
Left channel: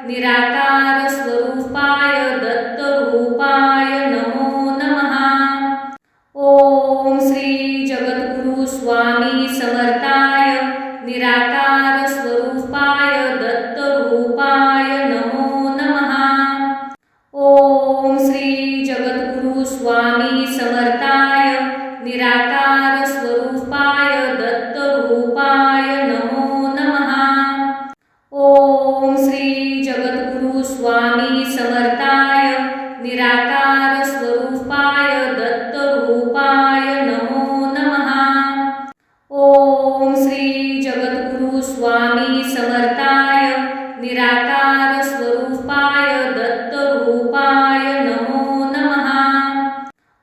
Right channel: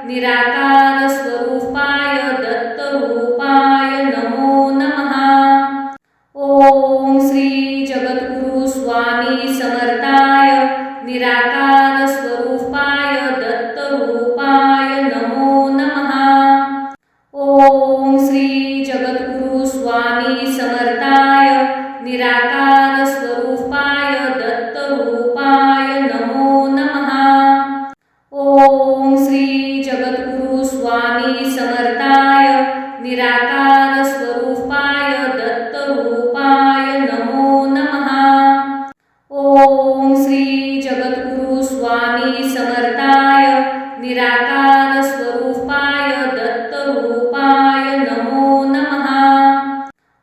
निराकार स्वरूपाय दत्तरूपाय नमो नमः। ओम श्री जगद्गुरु स्वामी समर्थाय निराकार स्वरूपाय दत्तरूपाय नमो नमः। ओम श्री जगद्गुरु स्वामी समर्थाय निराकार स्वरूपाय दत्तरूपाय नमो नमः। ओम श्री जगद्गुरु स्वामी समर्थाय निराकार स्वरूपाय दत्तरूपाय नमो नमः। ओम श्री जगद्गुरु स्वामी समर्थाय निराकार स्वरूपाय दत्तरूपाय नमो नमः।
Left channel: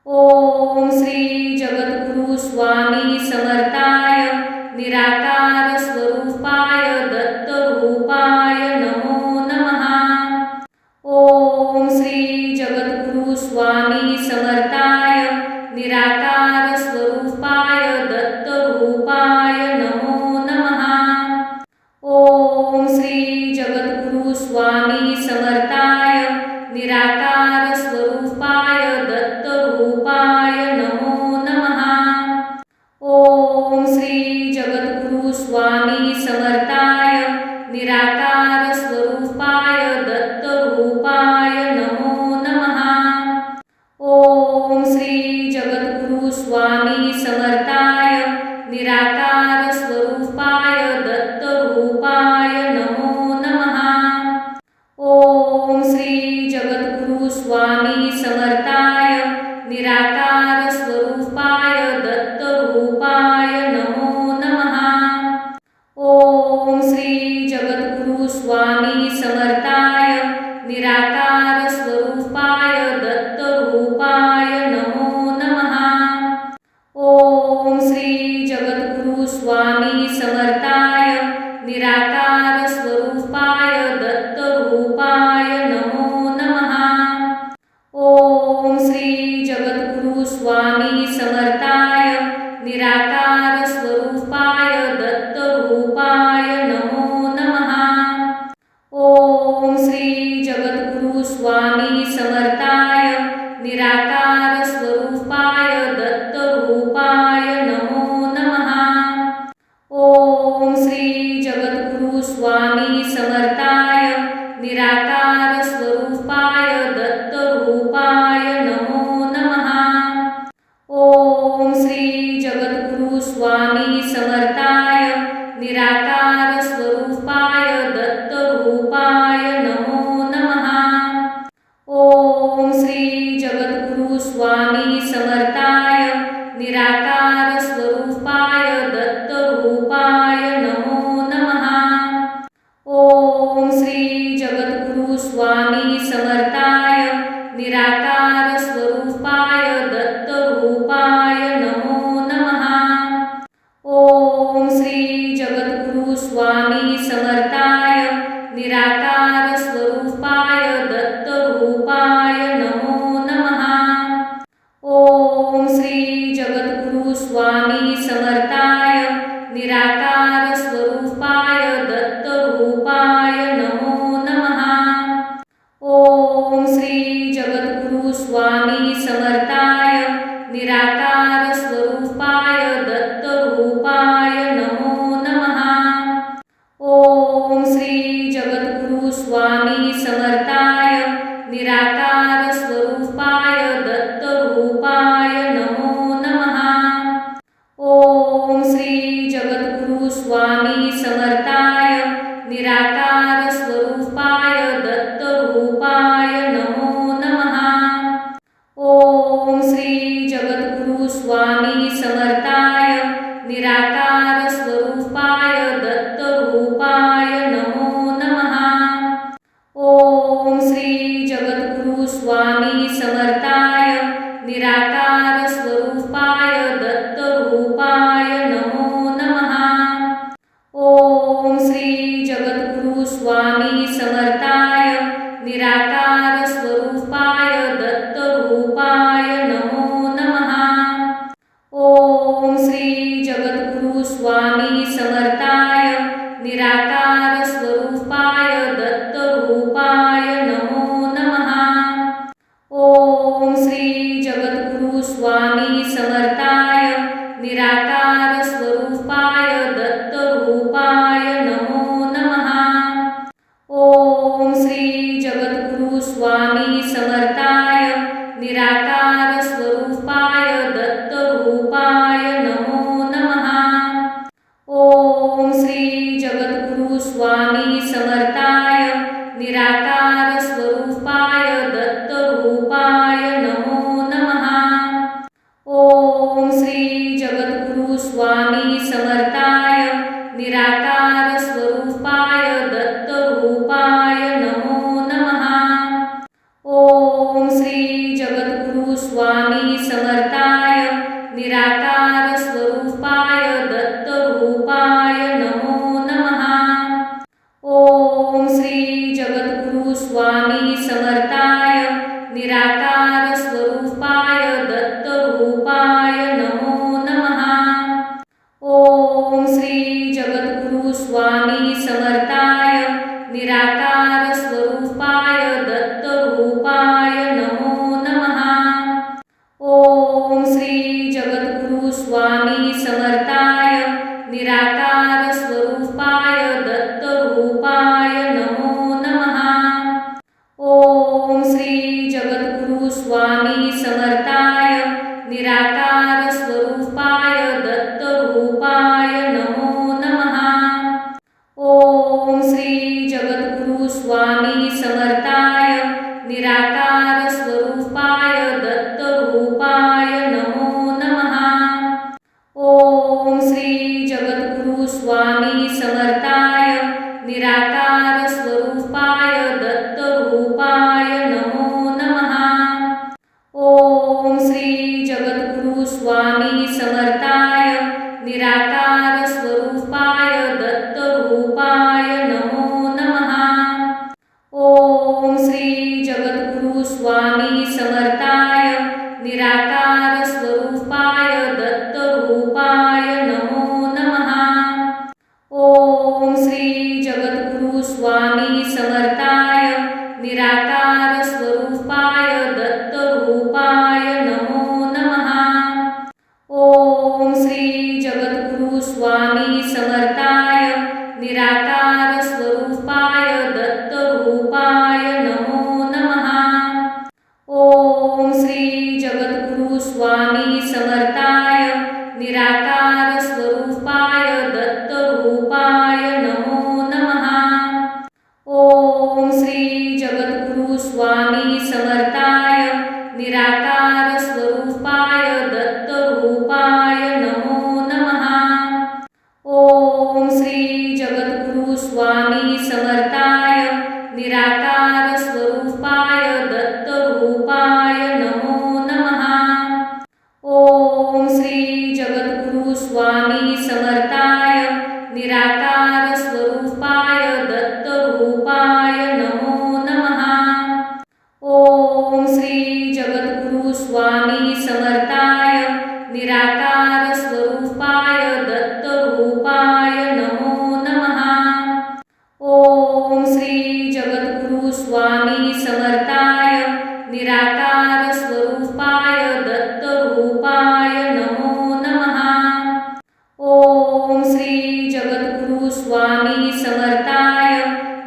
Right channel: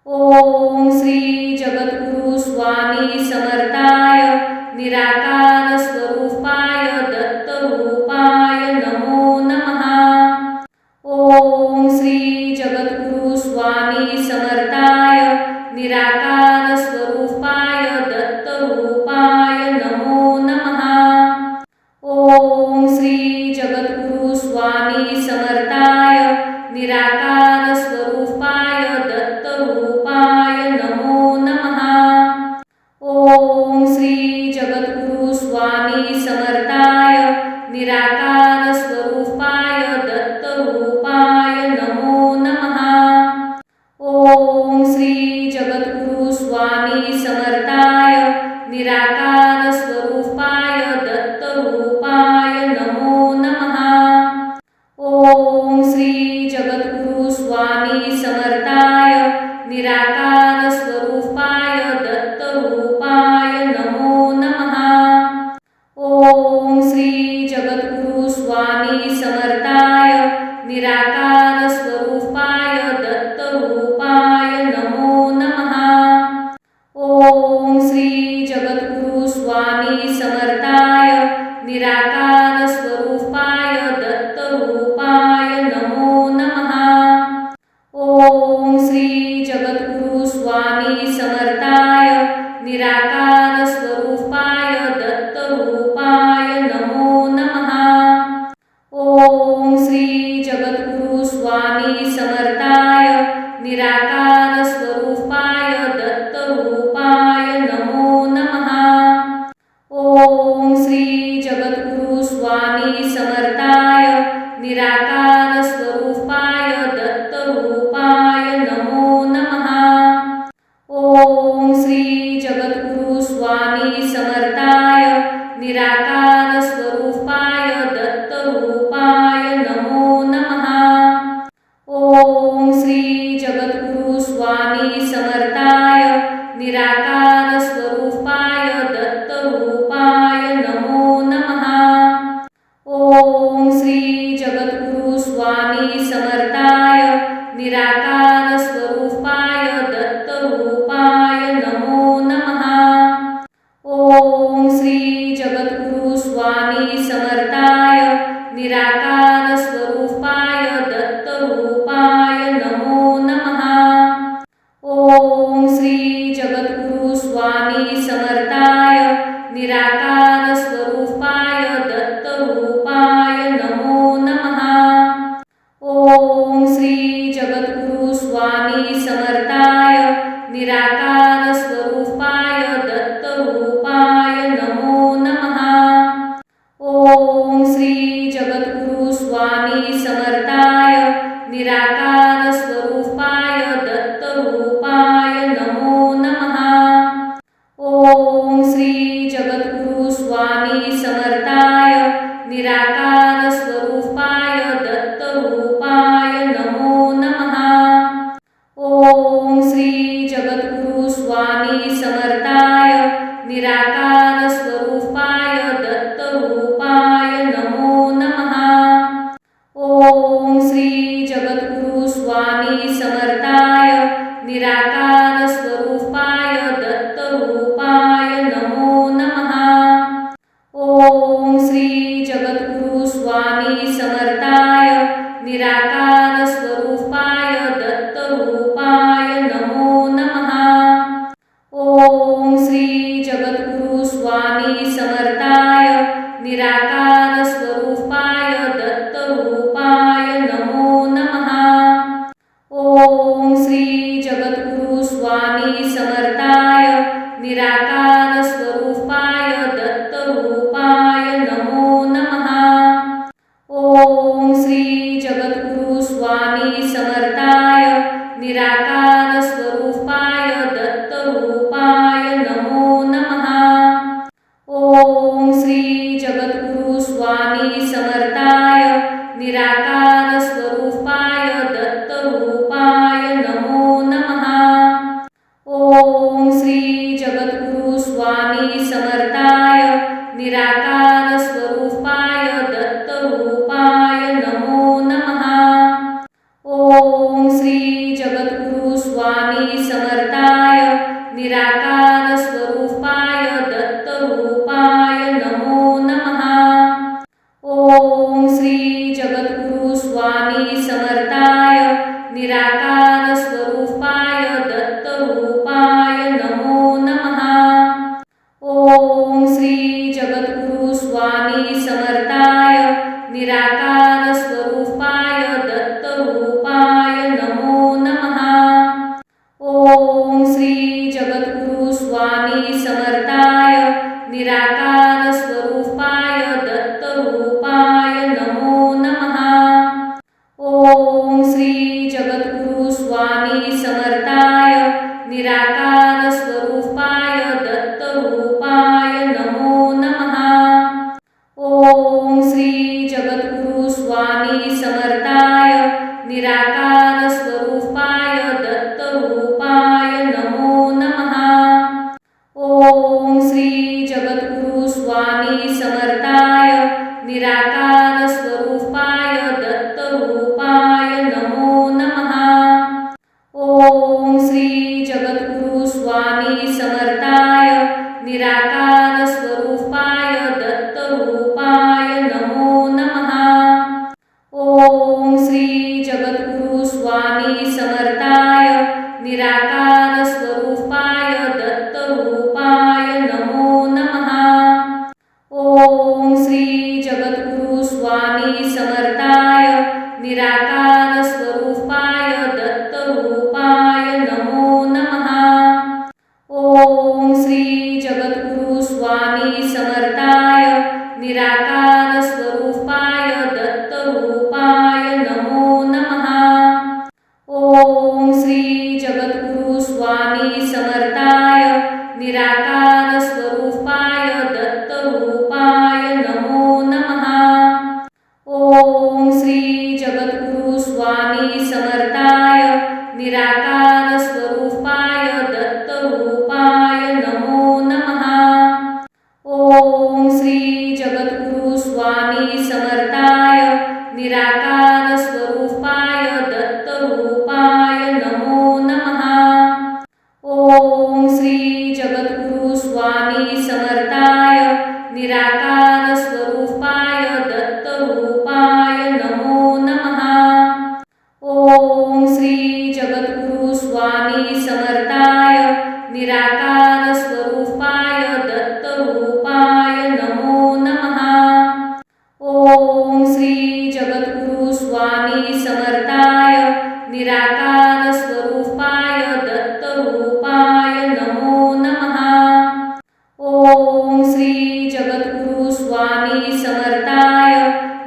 ओम श्री जगद्गुरु स्वामी समर्थाय निराकार स्वरूपाय दत्तरूपाय नमो नमः। ओम श्री जगद्गुरु स्वामी समर्थाय निराकार स्वरूपाय दत्तरूपाय नमो नमः। ओम श्री जगद्गुरु स्वामी समर्थाय निराकार स्वरूपाय दत्तरूपाय नमो नमः। ओम श्री जगद्गुरु स्वामी समर्थाय निराकार स्वरूपाय दत्तरूपाय नमो नमः। ओम श्री जगद्गुरु स्वामी समर्थाय निराकार स्वरूपाय दत्तरूपाय नमो नमः। ओम श्री जगद्गुरु स्वामी समर्थाय निराकार स्वरूपाय दत्तरूपाय नमो नमः। ओम श्री जगद्गुरु स्वामी समर्थाय निराकार स्वरूपाय दत्तरूपाय नमो नमः। ओम श्री जगद्गुरु स्वामी समर्थाय निराकार स्वरूपाय दत्तरूपाय नमो नमः। ओम श्री जगद्गुरु स्वामी समर्थाय निराकार स्वरूपाय दत्तरूपाय नमो नमः। ओम श्री जगद्गुरु स्वामी समर्थाय निराकार स्वरूपाय दत्तरूपाय नमो नमः। ओम श्री जगद्गुरु स्वामी समर्थाय निराकार स्वरूपाय दत्तरूपाय नमो नमः। ओम श्री जगद्गुरु स्वामी समर्थाय निराकार स्वरूपाय दत्तरूपाय नमो नमः। ओम श्री जगद्गुरु स्वामी समर्थाय निराकार स्वरूपाय दत्तरूपाय नमो नमः। ओम श्री जगद्गुरु स्वामी समर्थाय निराकार स्वरूपाय दत्तरूपाय नमो नमः। ओम श्री जगद्गुरु स्वामी समर्थाय निराकार स्वरूपाय दत्तरूपाय नमो नमः। ओम श्री जगद्गुरु स्वामी समर्थाय निराकार स्वरूपाय दत्तरूपाय नमो नमः। ओम श्री जगद्गुरु स्वामी समर्थाय निराकार स्वरूपाय दत्तरूपाय नमो नमः। ओम श्री जगद्गुरु स्वामी समर्थाय निराकार स्वरूपाय दत्तरूपाय नमो नमः। ओम श्री जगद्गुरु स्वामी समर्थाय निराकार स्वरूपाय दत्तरूपाय नमो नमः। ओम श्री जगद्गुरु स्वामी समर्थाय निराकार स्वरूपाय दत्तरूपाय नमो नमः। ओम श्री जगद्गुरु स्वामी समर्थाय निराकार स्वरूपाय दत्तरूपाय नमो नमः। ओम श्री जगद्गुरु स्वामी समर्थाय निराकार स्वरूपाय समर्थाय निराकार स्वरूपाय दत्तरूपाय नमो नमः। ओम श्री जगद्गुरु स्वामी समर्थाय निराकार स्वरूपाय दत्तरूपाय नमो नमः। ओम श्री जगद्गुरु स्वामी समर्थाय निराकार स्वरूपाय दत्तरूपाय नमो नमः। ओम श्री जगद्गुरु स्वामी समर्थाय निराकार स्वरूपाय दत्तरूपाय नमो नमः। ओम श्री जगद्गुरु स्वामी समर्थाय निराकार स्वरूपाय दत्तरूपाय नमो नमः। ओम श्री जगद्गुरु स्वामी समर्थाय निराकार स्वरूपाय दत्तरूपाय नमो नमः। ओम श्री जगद्गुरु स्वामी समर्थाय निराकार स्वरूपाय दत्तरूपाय नमो नमः। ओम श्री जगद्गुरु स्वामी समर्थाय निराकार स्वरूपाय दत्तरूपाय नमो नमः। ओम श्री जगद्गुरु स्वामी समर्थाय निराकार स्वरूपाय दत्तरूपाय नमो नमः। ओम श्री जगद्गुरु स्वामी समर्थाय निराकार स्वरूपाय दत्तरूपाय नमो नमः। ओम श्री जगद्गुरु स्वामी समर्थाय निराकार स्वरूपाय दत्तरूपाय नमो नमः। ओम श्री जगद्गुरु स्वामी समर्थाय निराकार स्वरूपाय दत्तरूपाय नमो नमः। ओम श्री जगद्गुरु स्वामी समर्थाय निराकार स्वरूपाय दत्तरूपाय नमो नमः। ओम श्री जगद्गुरु स्वामी समर्थाय निराकार स्वरूपाय दत्तरूपाय नमो नमः। ओम श्री जगद्गुरु स्वामी समर्थाय निराकार स्वरूपाय दत्तरूपाय नमो नमः। ओम श्री जगद्गुरु स्वामी समर्थाय निराकार स्वरूपाय दत्तरूपाय नमो नमः। ओम श्री जगद्गुरु स्वामी समर्थाय निराकार स्वरूपाय दत्तरूपाय नमो नमः। ओम श्री जगद्गुरु स्वामी समर्थाय निराकार स्वरूपाय दत्तरूपाय नमो नमः। ओम श्री जगद्गुरु स्वामी समर्थाय निराकार स्वरूपाय दत्तरूपाय नमो नमः। ओम श्री जगद्गुरु स्वामी समर्थाय निराकार स्वरूपाय दत्तरूपाय नमो नमः। ओम श्री जगद्गुरु स्वामी समर्थाय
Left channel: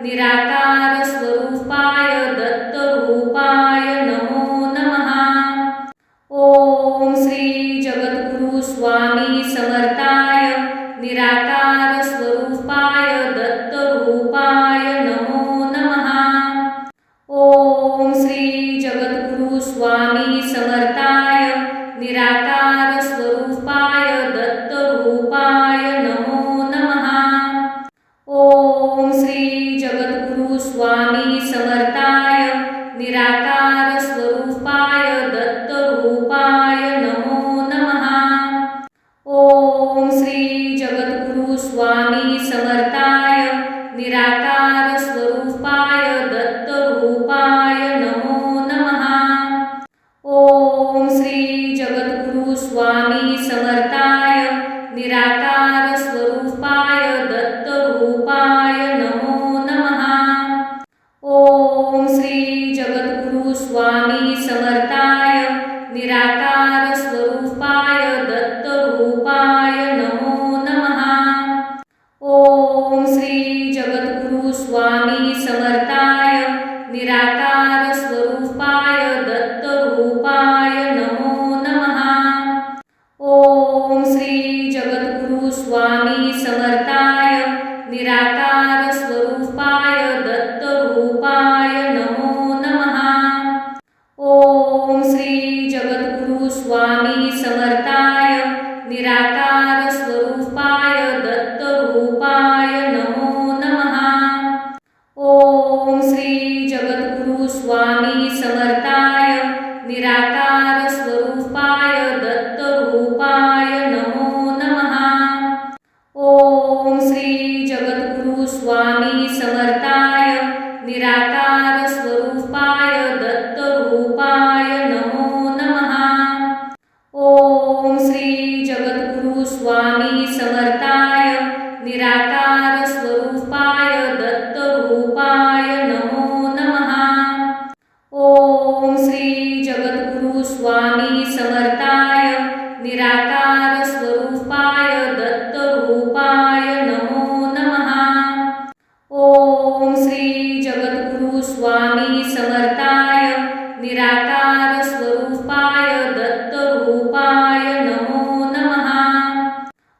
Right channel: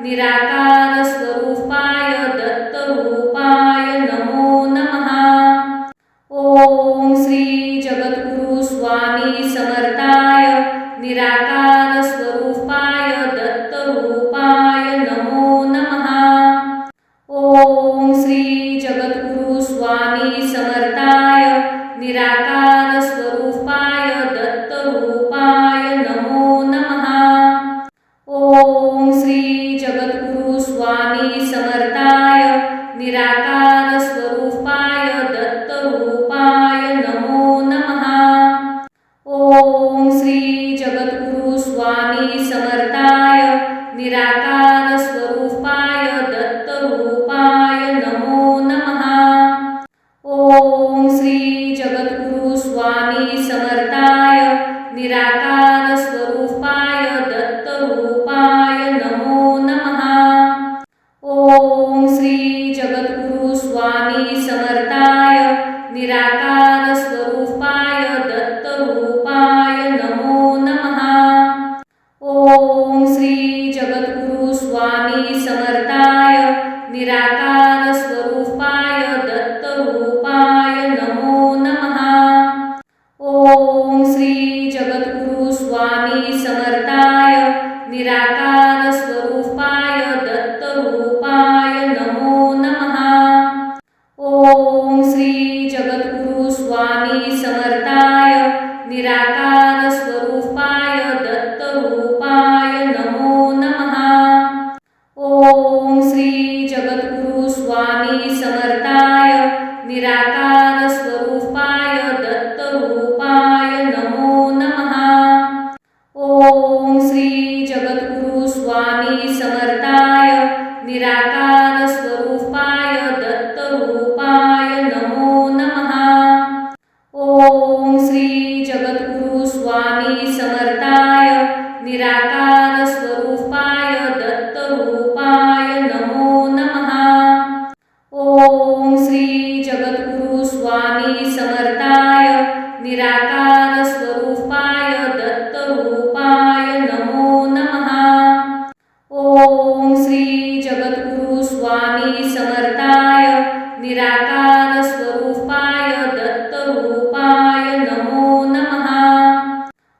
निराकार स्वरूपाय दत्तरूपाय नमो नमः। ओम श्री जगद्गुरु स्वामी समर्थाय निराकार स्वरूपाय दत्तरूपाय नमो नमः। ओम श्री जगद्गुरु स्वामी समर्थाय निराकार स्वरूपाय दत्तरूपाय नमो नमः। ओम श्री जगद्गुरु स्वामी समर्थाय निराकार स्वरूपाय दत्तरूपाय नमो नमः। ओम श्री जगद्गुरु स्वामी समर्थाय निराकार स्वरूपाय दत्तरूपाय नमो नमः। ओम श्री जगद्गुरु स्वामी समर्थाय निराकार स्वरूपाय दत्तरूपाय नमो नमः। ओम श्री जगद्गुरु स्वामी समर्थाय निराकार स्वरूपाय दत्तरूपाय नमो नमः। ओम श्री जगद्गुरु स्वामी समर्थाय निराकार स्वरूपाय दत्तरूपाय नमो नमः। ओम श्री जगद्गुरु स्वामी समर्थाय निराकार स्वरूपाय दत्तरूपाय नमो नमः। ओम श्री जगद्गुरु स्वामी समर्थाय निराकार स्वरूपाय दत्तरूपाय नमो नमः। ओम श्री जगद्गुरु स्वामी समर्थाय निराकार स्वरूपाय दत्तरूपाय नमो नमः।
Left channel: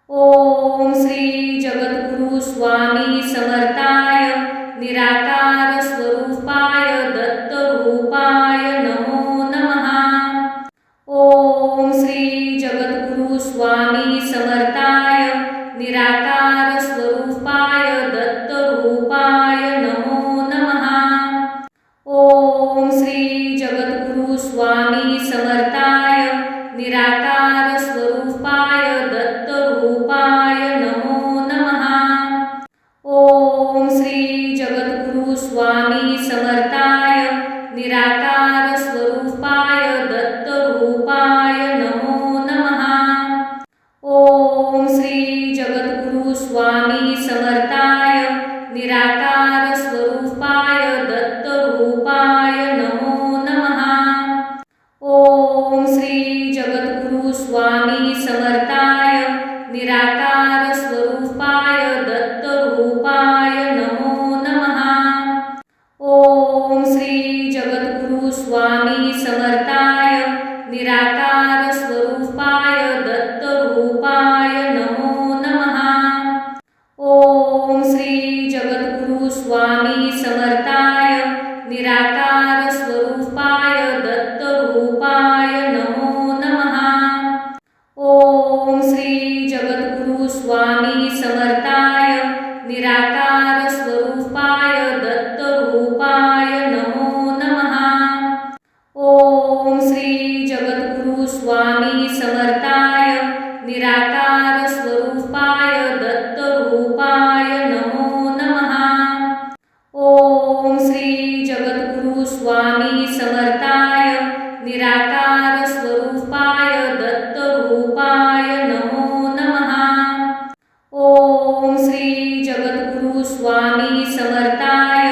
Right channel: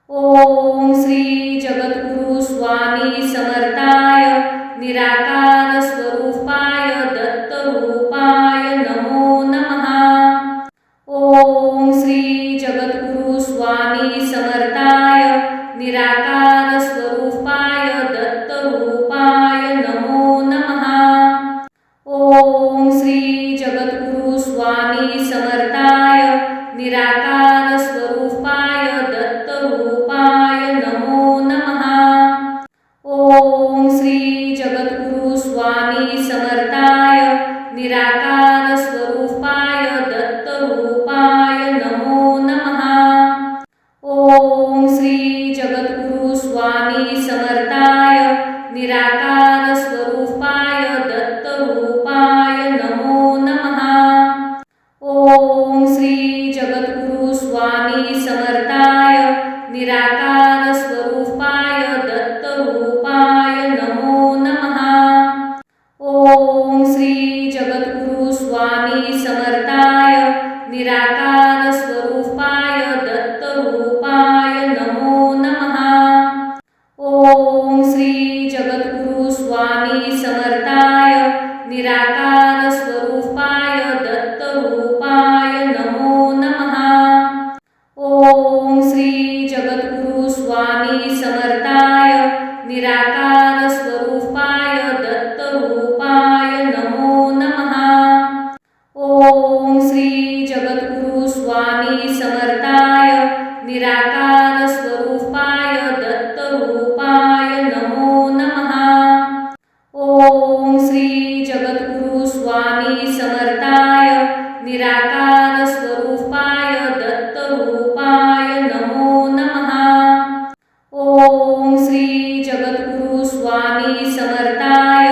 ओम श्री जगद्गुरु स्वामी समर्थाय निराकार स्वरूपाय दत्तरूपाय नमो नमः। ओम श्री जगद्गुरु स्वामी समर्थाय निराकार स्वरूपाय दत्तरूपाय नमो नमः। ओम श्री जगद्गुरु स्वामी समर्थाय निराकार स्वरूपाय दत्तरूपाय नमो नमः। ओम श्री जगद्गुरु स्वामी समर्थाय निराकार स्वरूपाय दत्तरूपाय नमो नमः। ओम श्री जगद्गुरु स्वामी समर्थाय निराकार स्वरूपाय दत्तरूपाय नमो नमः। ओम श्री जगद्गुरु स्वामी समर्थाय निराकार स्वरूपाय दत्तरूपाय नमो नमः। ओम श्री जगद्गुरु स्वामी समर्थाय निराकार स्वरूपाय दत्तरूपाय नमो नमः। ओम श्री जगद्गुरु स्वामी समर्थाय निराकार स्वरूपाय दत्तरूपाय नमो नमः। ओम श्री जगद्गुरु स्वामी समर्थाय निराकार स्वरूपाय दत्तरूपाय नमो नमः। ओम श्री जगद्गुरु स्वामी समर्थाय निराकार स्वरूपाय दत्तरूपाय नमो नमः। ओम श्री जगद्गुरु स्वामी समर्थाय निराकार स्वरूपाय दत्तरूपाय नमो नमः। ओम श्री जगद्गुरु स्वामी समर्थाय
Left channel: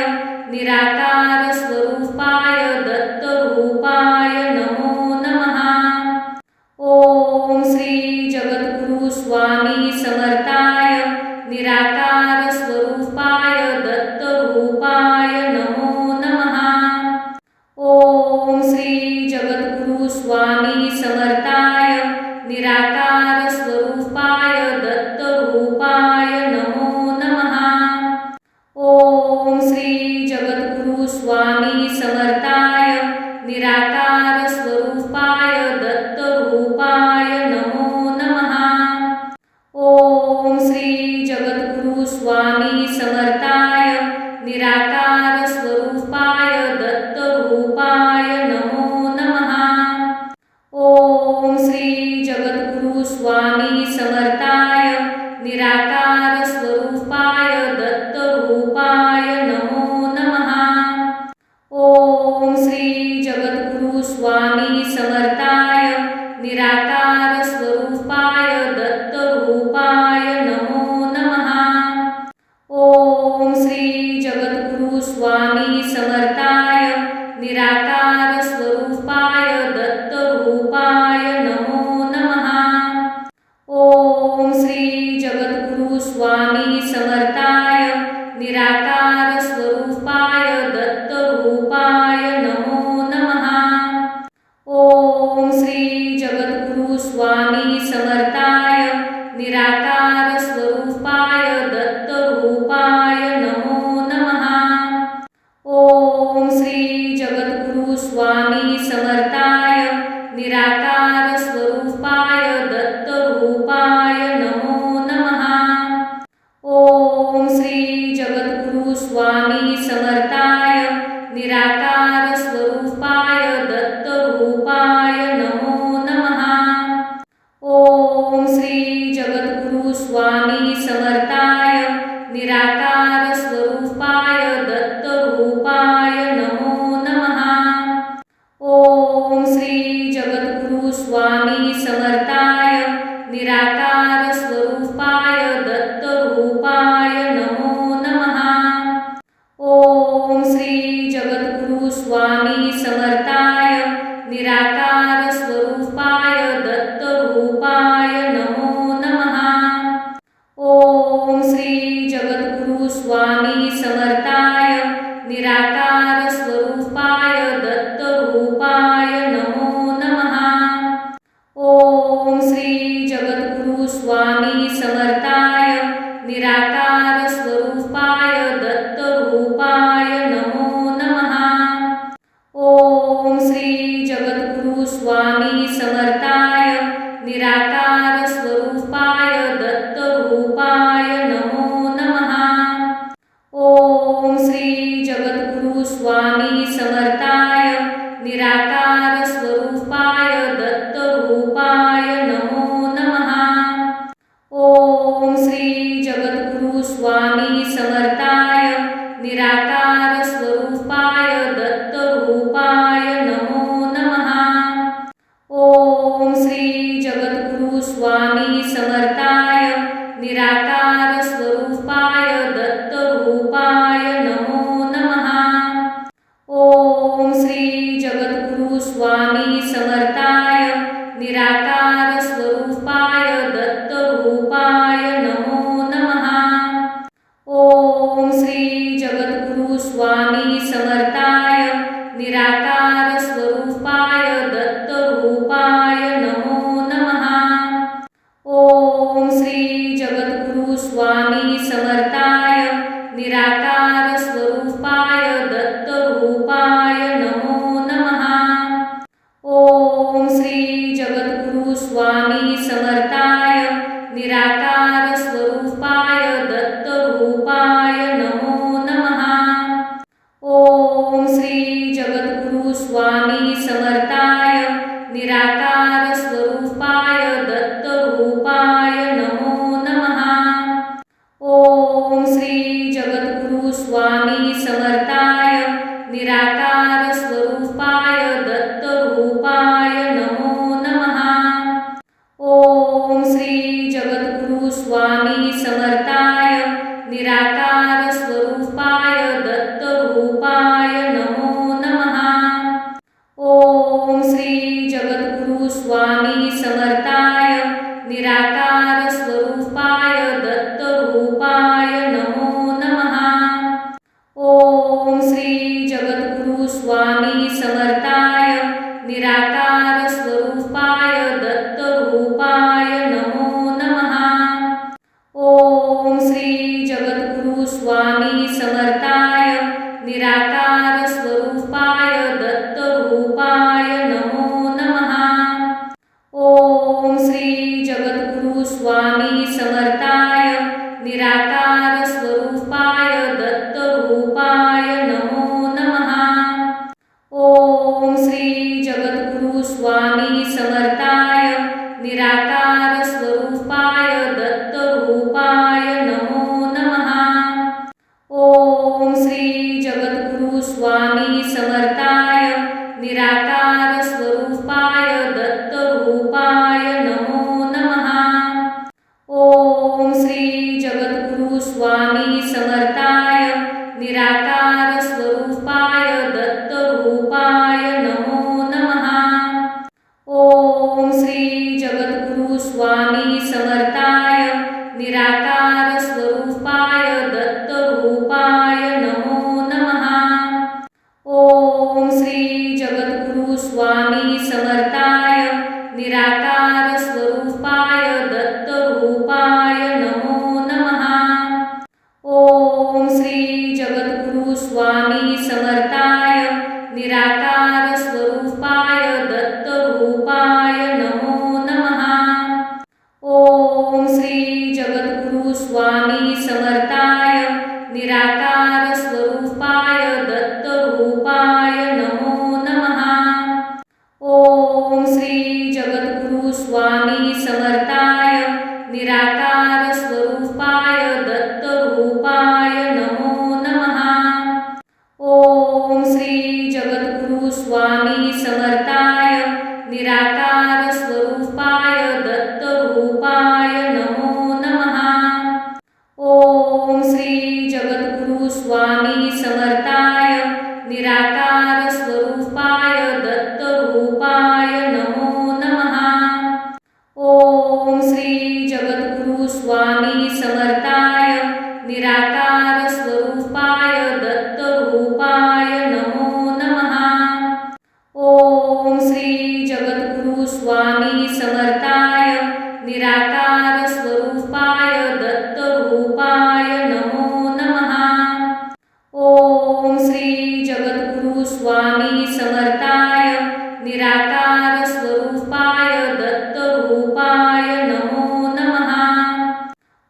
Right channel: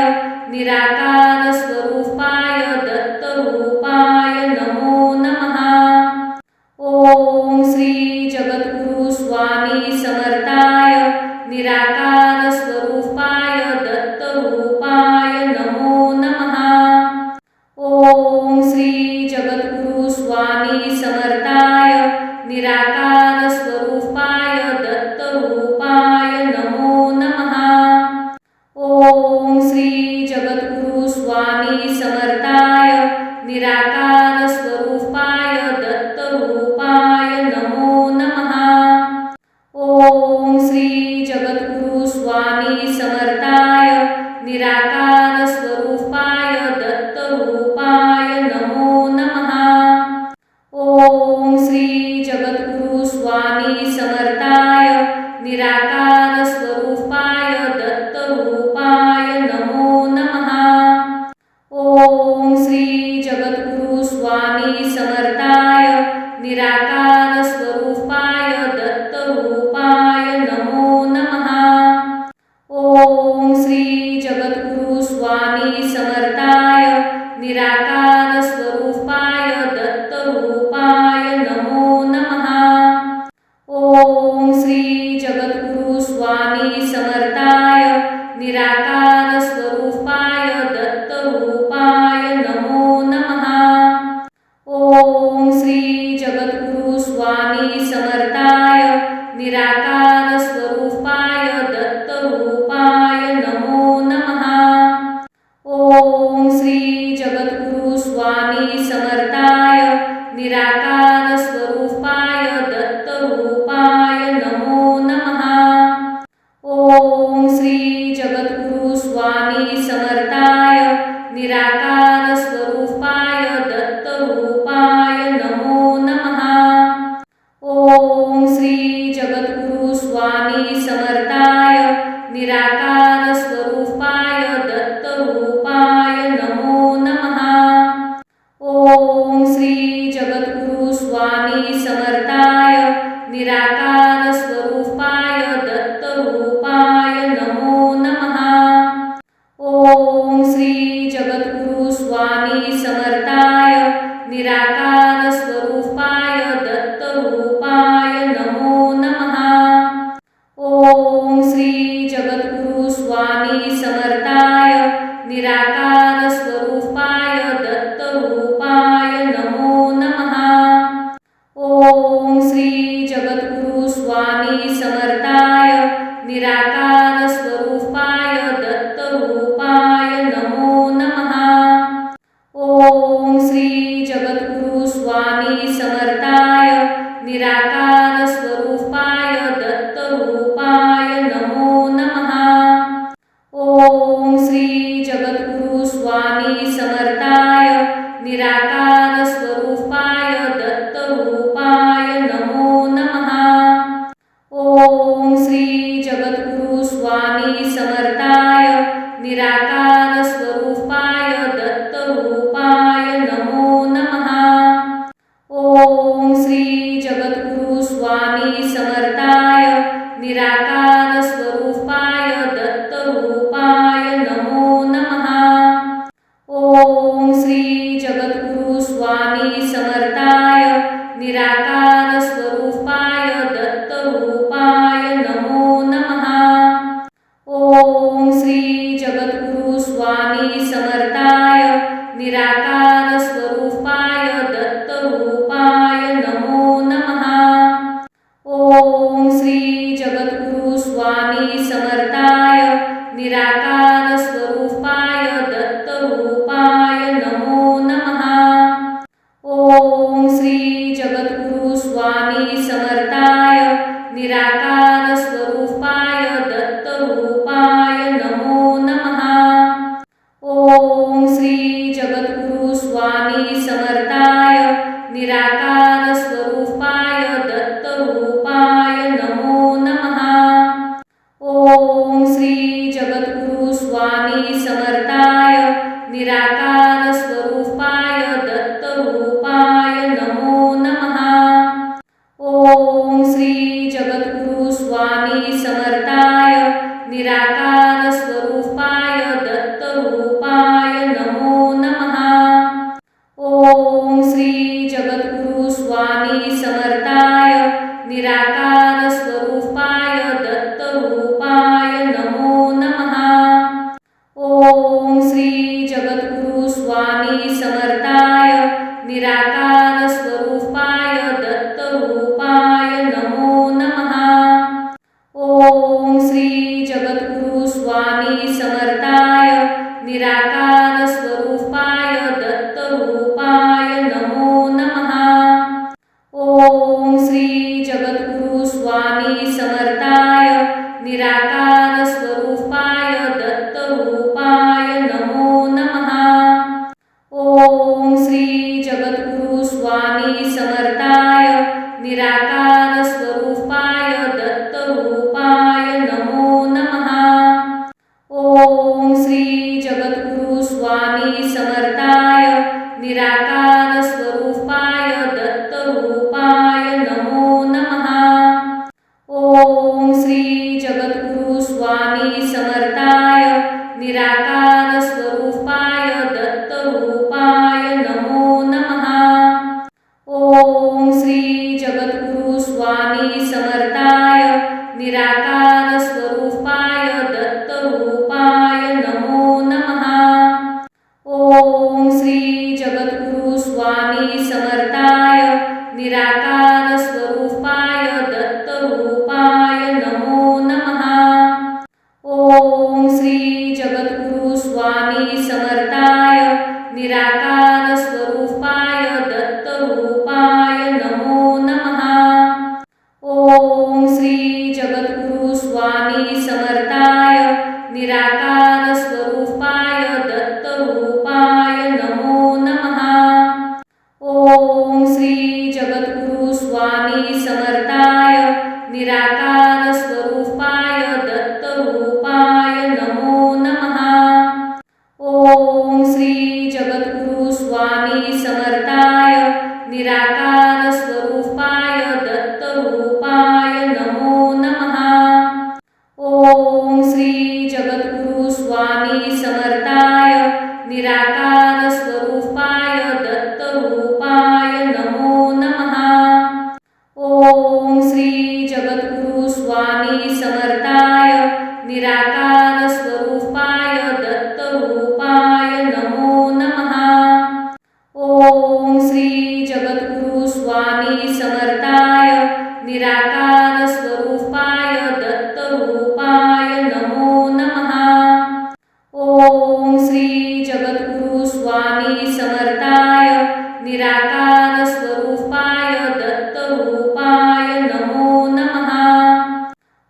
निराकार स्वरूपाय दत्तरूपाय नमो नमः। ओम श्री जगद्गुरु स्वामी समर्थाय निराकार स्वरूपाय दत्तरूपाय नमो नमः। ओम श्री जगद्गुरु स्वामी समर्थाय निराकार स्वरूपाय दत्तरूपाय नमो नमः। ओम श्री जगद्गुरु स्वामी समर्थाय निराकार स्वरूपाय दत्तरूपाय नमो नमः। ओम श्री जगद्गुरु स्वामी समर्थाय निराकार स्वरूपाय दत्तरूपाय नमो नमः। ओम श्री जगद्गुरु स्वामी समर्थाय निराकार स्वरूपाय दत्तरूपाय नमो नमः। ओम श्री जगद्गुरु स्वामी समर्थाय निराकार स्वरूपाय दत्तरूपाय नमो नमः। ओम श्री जगद्गुरु स्वामी समर्थाय निराकार स्वरूपाय दत्तरूपाय नमो नमः। ओम श्री जगद्गुरु स्वामी समर्थाय निराकार स्वरूपाय दत्तरूपाय नमो नमः। ओम श्री जगद्गुरु स्वामी समर्थाय निराकार स्वरूपाय दत्तरूपाय नमो नमः। ओम श्री जगद्गुरु स्वामी समर्थाय निराकार स्वरूपाय दत्तरूपाय नमो नमः। ओम श्री जगद्गुरु स्वामी समर्थाय निराकार स्वरूपाय दत्तरूपाय नमो नमः। ओम श्री जगद्गुरु स्वामी समर्थाय निराकार स्वरूपाय दत्तरूपाय नमो नमः। ओम स्वामी समर्थाय निराकार स्वरूपाय दत्तरूपाय नमो नमः। ओम श्री जगद्गुरु स्वामी समर्थाय निराकार स्वरूपाय दत्तरूपाय नमो नमः। ओम श्री जगद्गुरु स्वामी समर्थाय निराकार स्वरूपाय दत्तरूपाय नमो नमः। ओम श्री जगद्गुरु स्वामी समर्थाय निराकार स्वरूपाय दत्तरूपाय नमो नमः। ओम श्री जगद्गुरु स्वामी समर्थाय निराकार स्वरूपाय दत्तरूपाय नमो नमः। ओम श्री जगद्गुरु स्वामी समर्थाय निराकार स्वरूपाय दत्तरूपाय नमो नमः। ओम श्री जगद्गुरु स्वामी समर्थाय निराकार स्वरूपाय दत्तरूपाय नमो नमः। ओम श्री जगद्गुरु स्वामी समर्थाय निराकार स्वरूपाय दत्तरूपाय नमो नमः। ओम श्री जगद्गुरु स्वामी समर्थाय निराकार स्वरूपाय दत्तरूपाय नमो नमः। ओम श्री जगद्गुरु स्वामी समर्थाय निराकार स्वरूपाय दत्तरूपाय नमो नमः। ओम श्री जगद्गुरु स्वामी समर्थाय निराकार स्वरूपाय दत्तरूपाय नमो नमः। ओम श्री जगद्गुरु स्वामी समर्थाय निराकार स्वरूपाय दत्तरूपाय नमो नमः। ओम श्री जगद्गुरु स्वामी समर्थाय निराकार स्वरूपाय दत्तरूपाय नमो नमः। ओम श्री जगद्गुरु स्वामी समर्थाय निराकार स्वरूपाय दत्तरूपाय नमो नमः। ओम श्री जगद्गुरु स्वामी समर्थाय निराकार स्वरूपाय दत्तरूपाय नमो नमः। ओम श्री जगद्गुरु स्वामी समर्थाय निराकार स्वरूपाय दत्तरूपाय नमो नमः। ओम श्री जगद्गुरु स्वामी समर्थाय निराकार स्वरूपाय दत्तरूपाय नमो नमः। ओम श्री जगद्गुरु स्वामी समर्थाय निराकार स्वरूपाय दत्तरूपाय नमो नमः। ओम श्री जगद्गुरु स्वामी समर्थाय निराकार स्वरूपाय दत्तरूपाय नमो नमः। ओम श्री जगद्गुरु स्वामी समर्थाय निराकार स्वरूपाय दत्तरूपाय नमो नमः। ओम श्री जगद्गुरु स्वामी समर्थाय निराकार स्वरूपाय दत्तरूपाय नमो नमः। ओम श्री जगद्गुरु स्वामी समर्थाय निराकार स्वरूपाय दत्तरूपाय नमो नमः। ओम श्री जगद्गुरु स्वामी समर्थाय निराकार स्वरूपाय दत्तरूपाय नमो नमः। ओम श्री जगद्गुरु स्वामी समर्थाय निराकार स्वरूपाय दत्तरूपाय नमो नमः। ओम श्री जगद्गुरु स्वामी समर्थाय निराकार स्वरूपाय दत्तरूपाय नमो नमः। ओम श्री जगद्गुरु स्वामी समर्थाय निराकार स्वरूपाय दत्तरूपाय नमो नमः। ओम श्री जगद्गुरु स्वामी समर्थाय निराकार स्वरूपाय दत्तरूपाय नमो नमः। ओम श्री जगद्गुरु स्वामी समर्थाय निराकार निराकार स्वरूपाय दत्तरूपाय नमो नमः।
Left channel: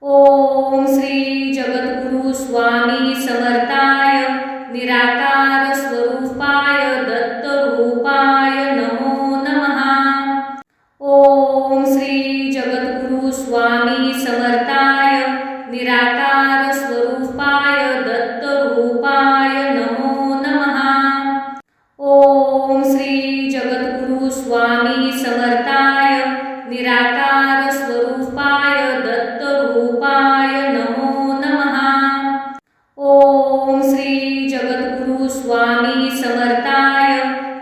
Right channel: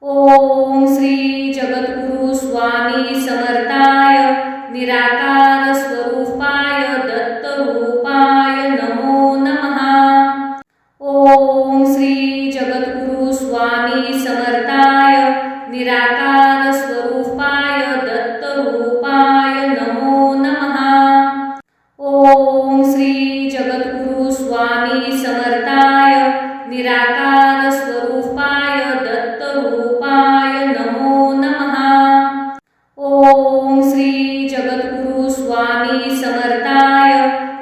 ओम श्री जगद्गुरु स्वामी समर्थाय निराकार स्वरूपाय दत्तरूपाय नमो नमः। ओम श्री जगद्गुरु स्वामी समर्थाय निराकार स्वरूपाय दत्तरूपाय नमो नमः। ओम श्री जगद्गुरु स्वामी समर्थाय निराकार स्वरूपाय दत्तरूपाय नमो नमः। ओम श्री जगद्गुरु स्वामी समर्थाय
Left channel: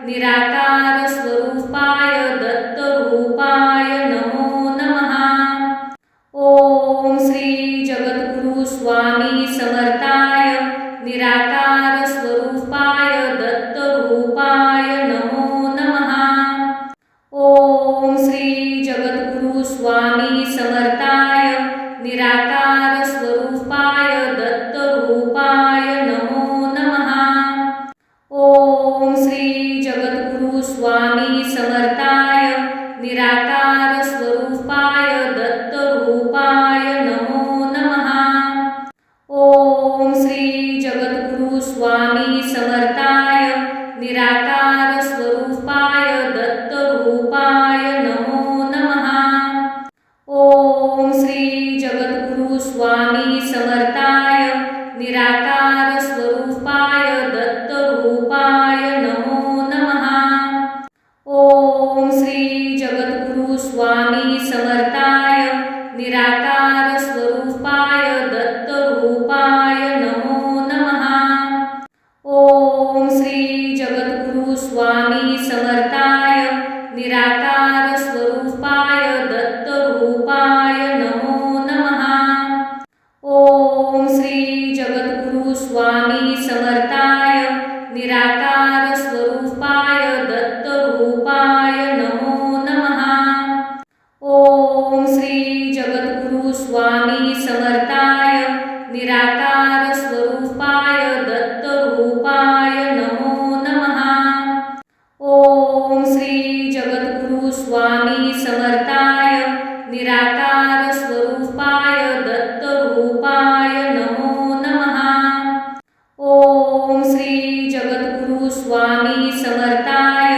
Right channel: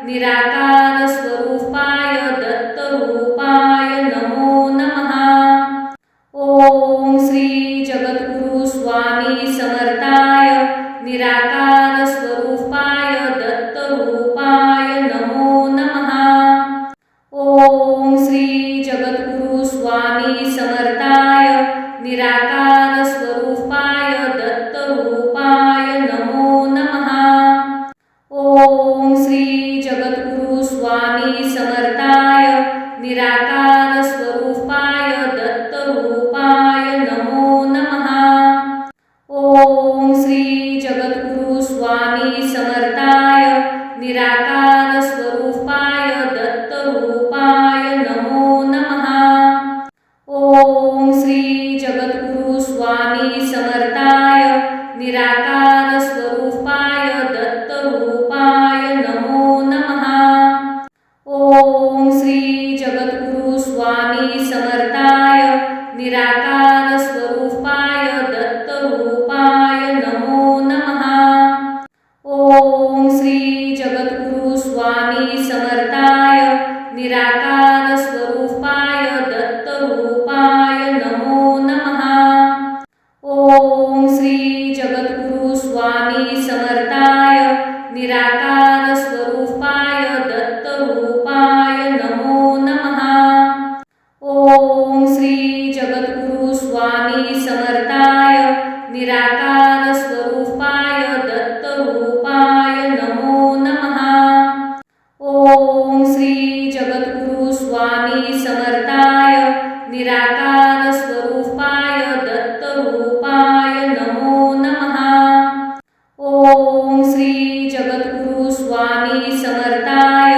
निराकार स्वरूपाय दत्तरूपाय नमो नमः। ओम श्री जगद्गुरु स्वामी समर्थाय निराकार स्वरूपाय दत्तरूपाय नमो नमः। ओम श्री जगद्गुरु स्वामी समर्थाय निराकार स्वरूपाय दत्तरूपाय नमो नमः। ओम श्री जगद्गुरु स्वामी समर्थाय निराकार स्वरूपाय दत्तरूपाय नमो नमः। ओम श्री जगद्गुरु स्वामी समर्थाय निराकार स्वरूपाय दत्तरूपाय नमो नमः। ओम श्री जगद्गुरु स्वामी समर्थाय निराकार स्वरूपाय दत्तरूपाय नमो नमः। ओम श्री जगद्गुरु स्वामी समर्थाय निराकार स्वरूपाय दत्तरूपाय नमो नमः। ओम श्री जगद्गुरु स्वामी समर्थाय निराकार स्वरूपाय दत्तरूपाय नमो नमः। ओम श्री जगद्गुरु स्वामी समर्थाय निराकार स्वरूपाय दत्तरूपाय नमो नमः। ओम श्री जगद्गुरु स्वामी समर्थाय निराकार स्वरूपाय दत्तरूपाय नमो नमः। ओम श्री जगद्गुरु स्वामी समर्थाय निराकार स्वरूपाय दत्तरूपाय नमो नमः। ओम श्री जगद्गुरु स्वामी समर्थाय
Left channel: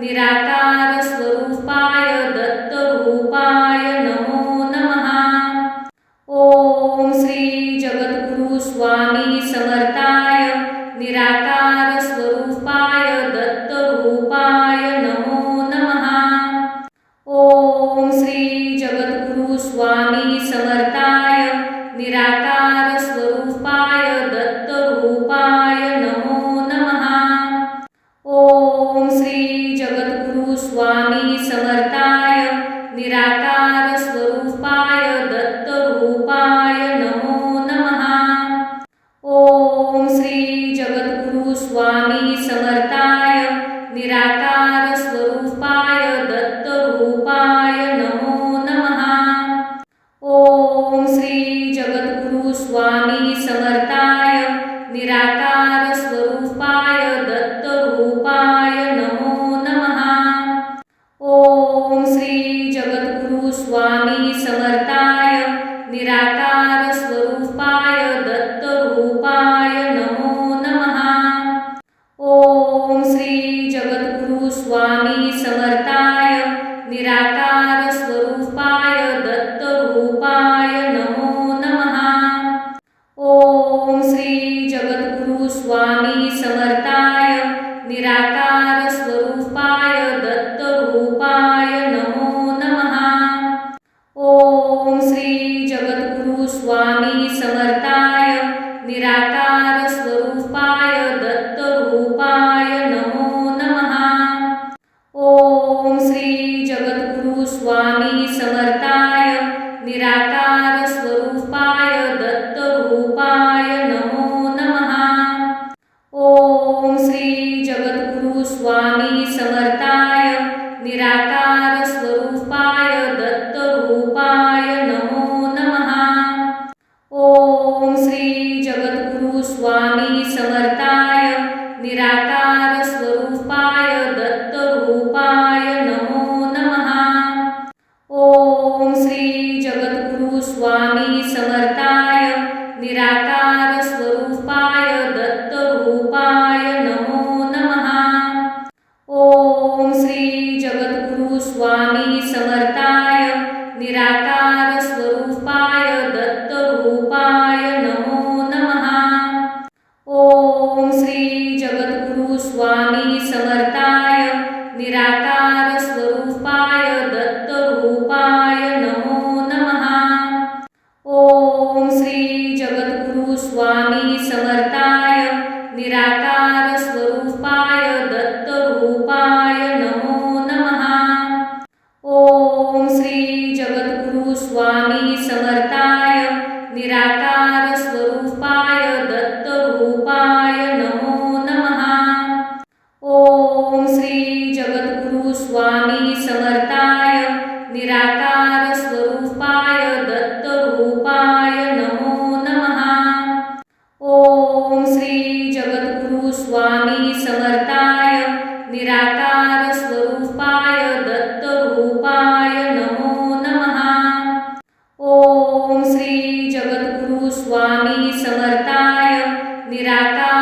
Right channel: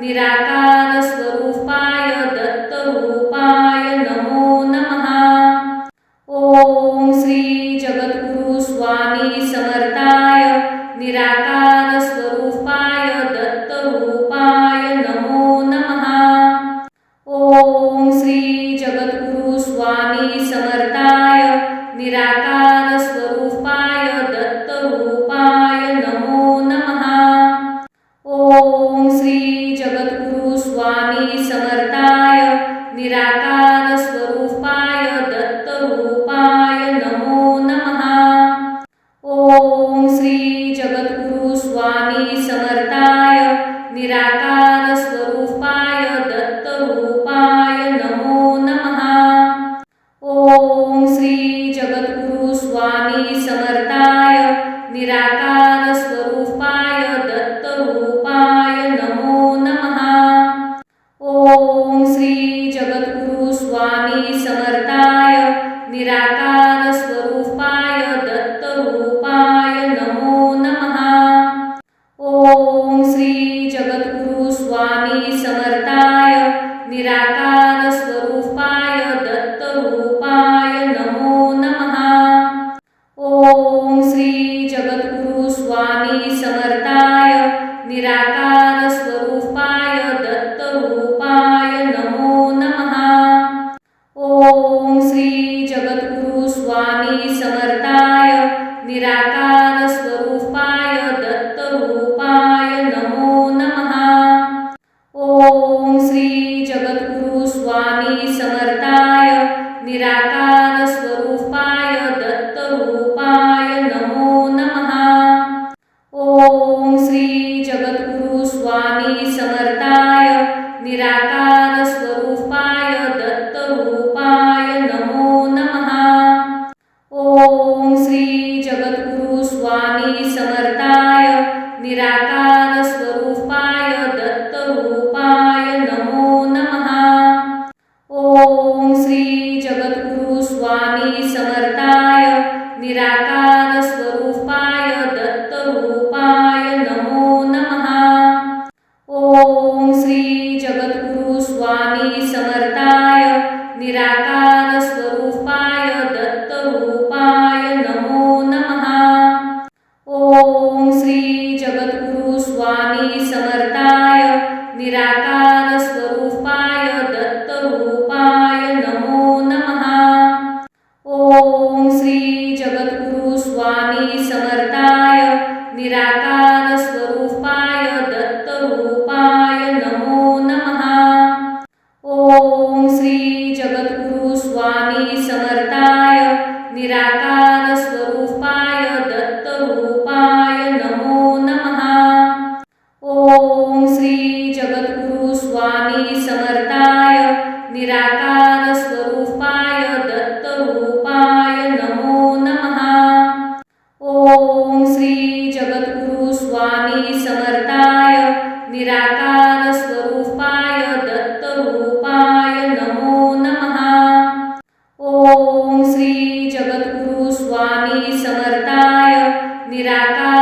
निराकार स्वरूपाय दत्तरूपाय नमो नमः। ओम श्री जगद्गुरु स्वामी समर्थाय निराकार स्वरूपाय दत्तरूपाय नमो नमः। ओम श्री जगद्गुरु स्वामी समर्थाय निराकार स्वरूपाय दत्तरूपाय नमो नमः। ओम श्री जगद्गुरु स्वामी समर्थाय निराकार स्वरूपाय दत्तरूपाय नमो नमः। ओम श्री जगद्गुरु स्वामी समर्थाय निराकार स्वरूपाय दत्तरूपाय नमो नमः। ओम श्री जगद्गुरु स्वामी समर्थाय निराकार स्वरूपाय दत्तरूपाय नमो नमः। ओम श्री जगद्गुरु स्वामी समर्थाय निराकार स्वरूपाय दत्तरूपाय नमो नमः। ओम श्री जगद्गुरु स्वामी समर्थाय निराकार स्वरूपाय दत्तरूपाय नमो नमः। ओम श्री जगद्गुरु स्वामी समर्थाय निराकार स्वरूपाय दत्तरूपाय नमो नमः। ओम श्री जगद्गुरु स्वामी समर्थाय निराकार स्वरूपाय दत्तरूपाय नमो नमः। ओम श्री जगद्गुरु स्वामी समर्थाय निराकार स्वरूपाय दत्तरूपाय नमो नमः। ओम श्री जगद्गुरु स्वामी समर्थाय निराकार स्वरूपाय दत्तरूपाय नमो नमः। ओम श्री जगद्गुरु स्वामी समर्थाय निराकार स्वरूपाय दत्तरूपाय श्री जगद्गुरु स्वामी समर्थाय निराकार स्वरूपाय दत्तरूपाय नमो नमः। ओम श्री जगद्गुरु स्वामी समर्थाय निराकार स्वरूपाय दत्तरूपाय नमो नमः। ओम श्री जगद्गुरु स्वामी समर्थाय निराकार स्वरूपाय दत्तरूपाय नमो नमः। ओम श्री जगद्गुरु स्वामी समर्थाय निराकार स्वरूपाय दत्तरूपाय नमो नमः। ओम श्री जगद्गुरु स्वामी समर्थाय निराकार स्वरूपाय दत्तरूपाय नमो नमः। ओम श्री जगद्गुरु स्वामी समर्थाय निराकार स्वरूपाय दत्तरूपाय नमो नमः। ओम श्री जगद्गुरु स्वामी समर्थाय निराकार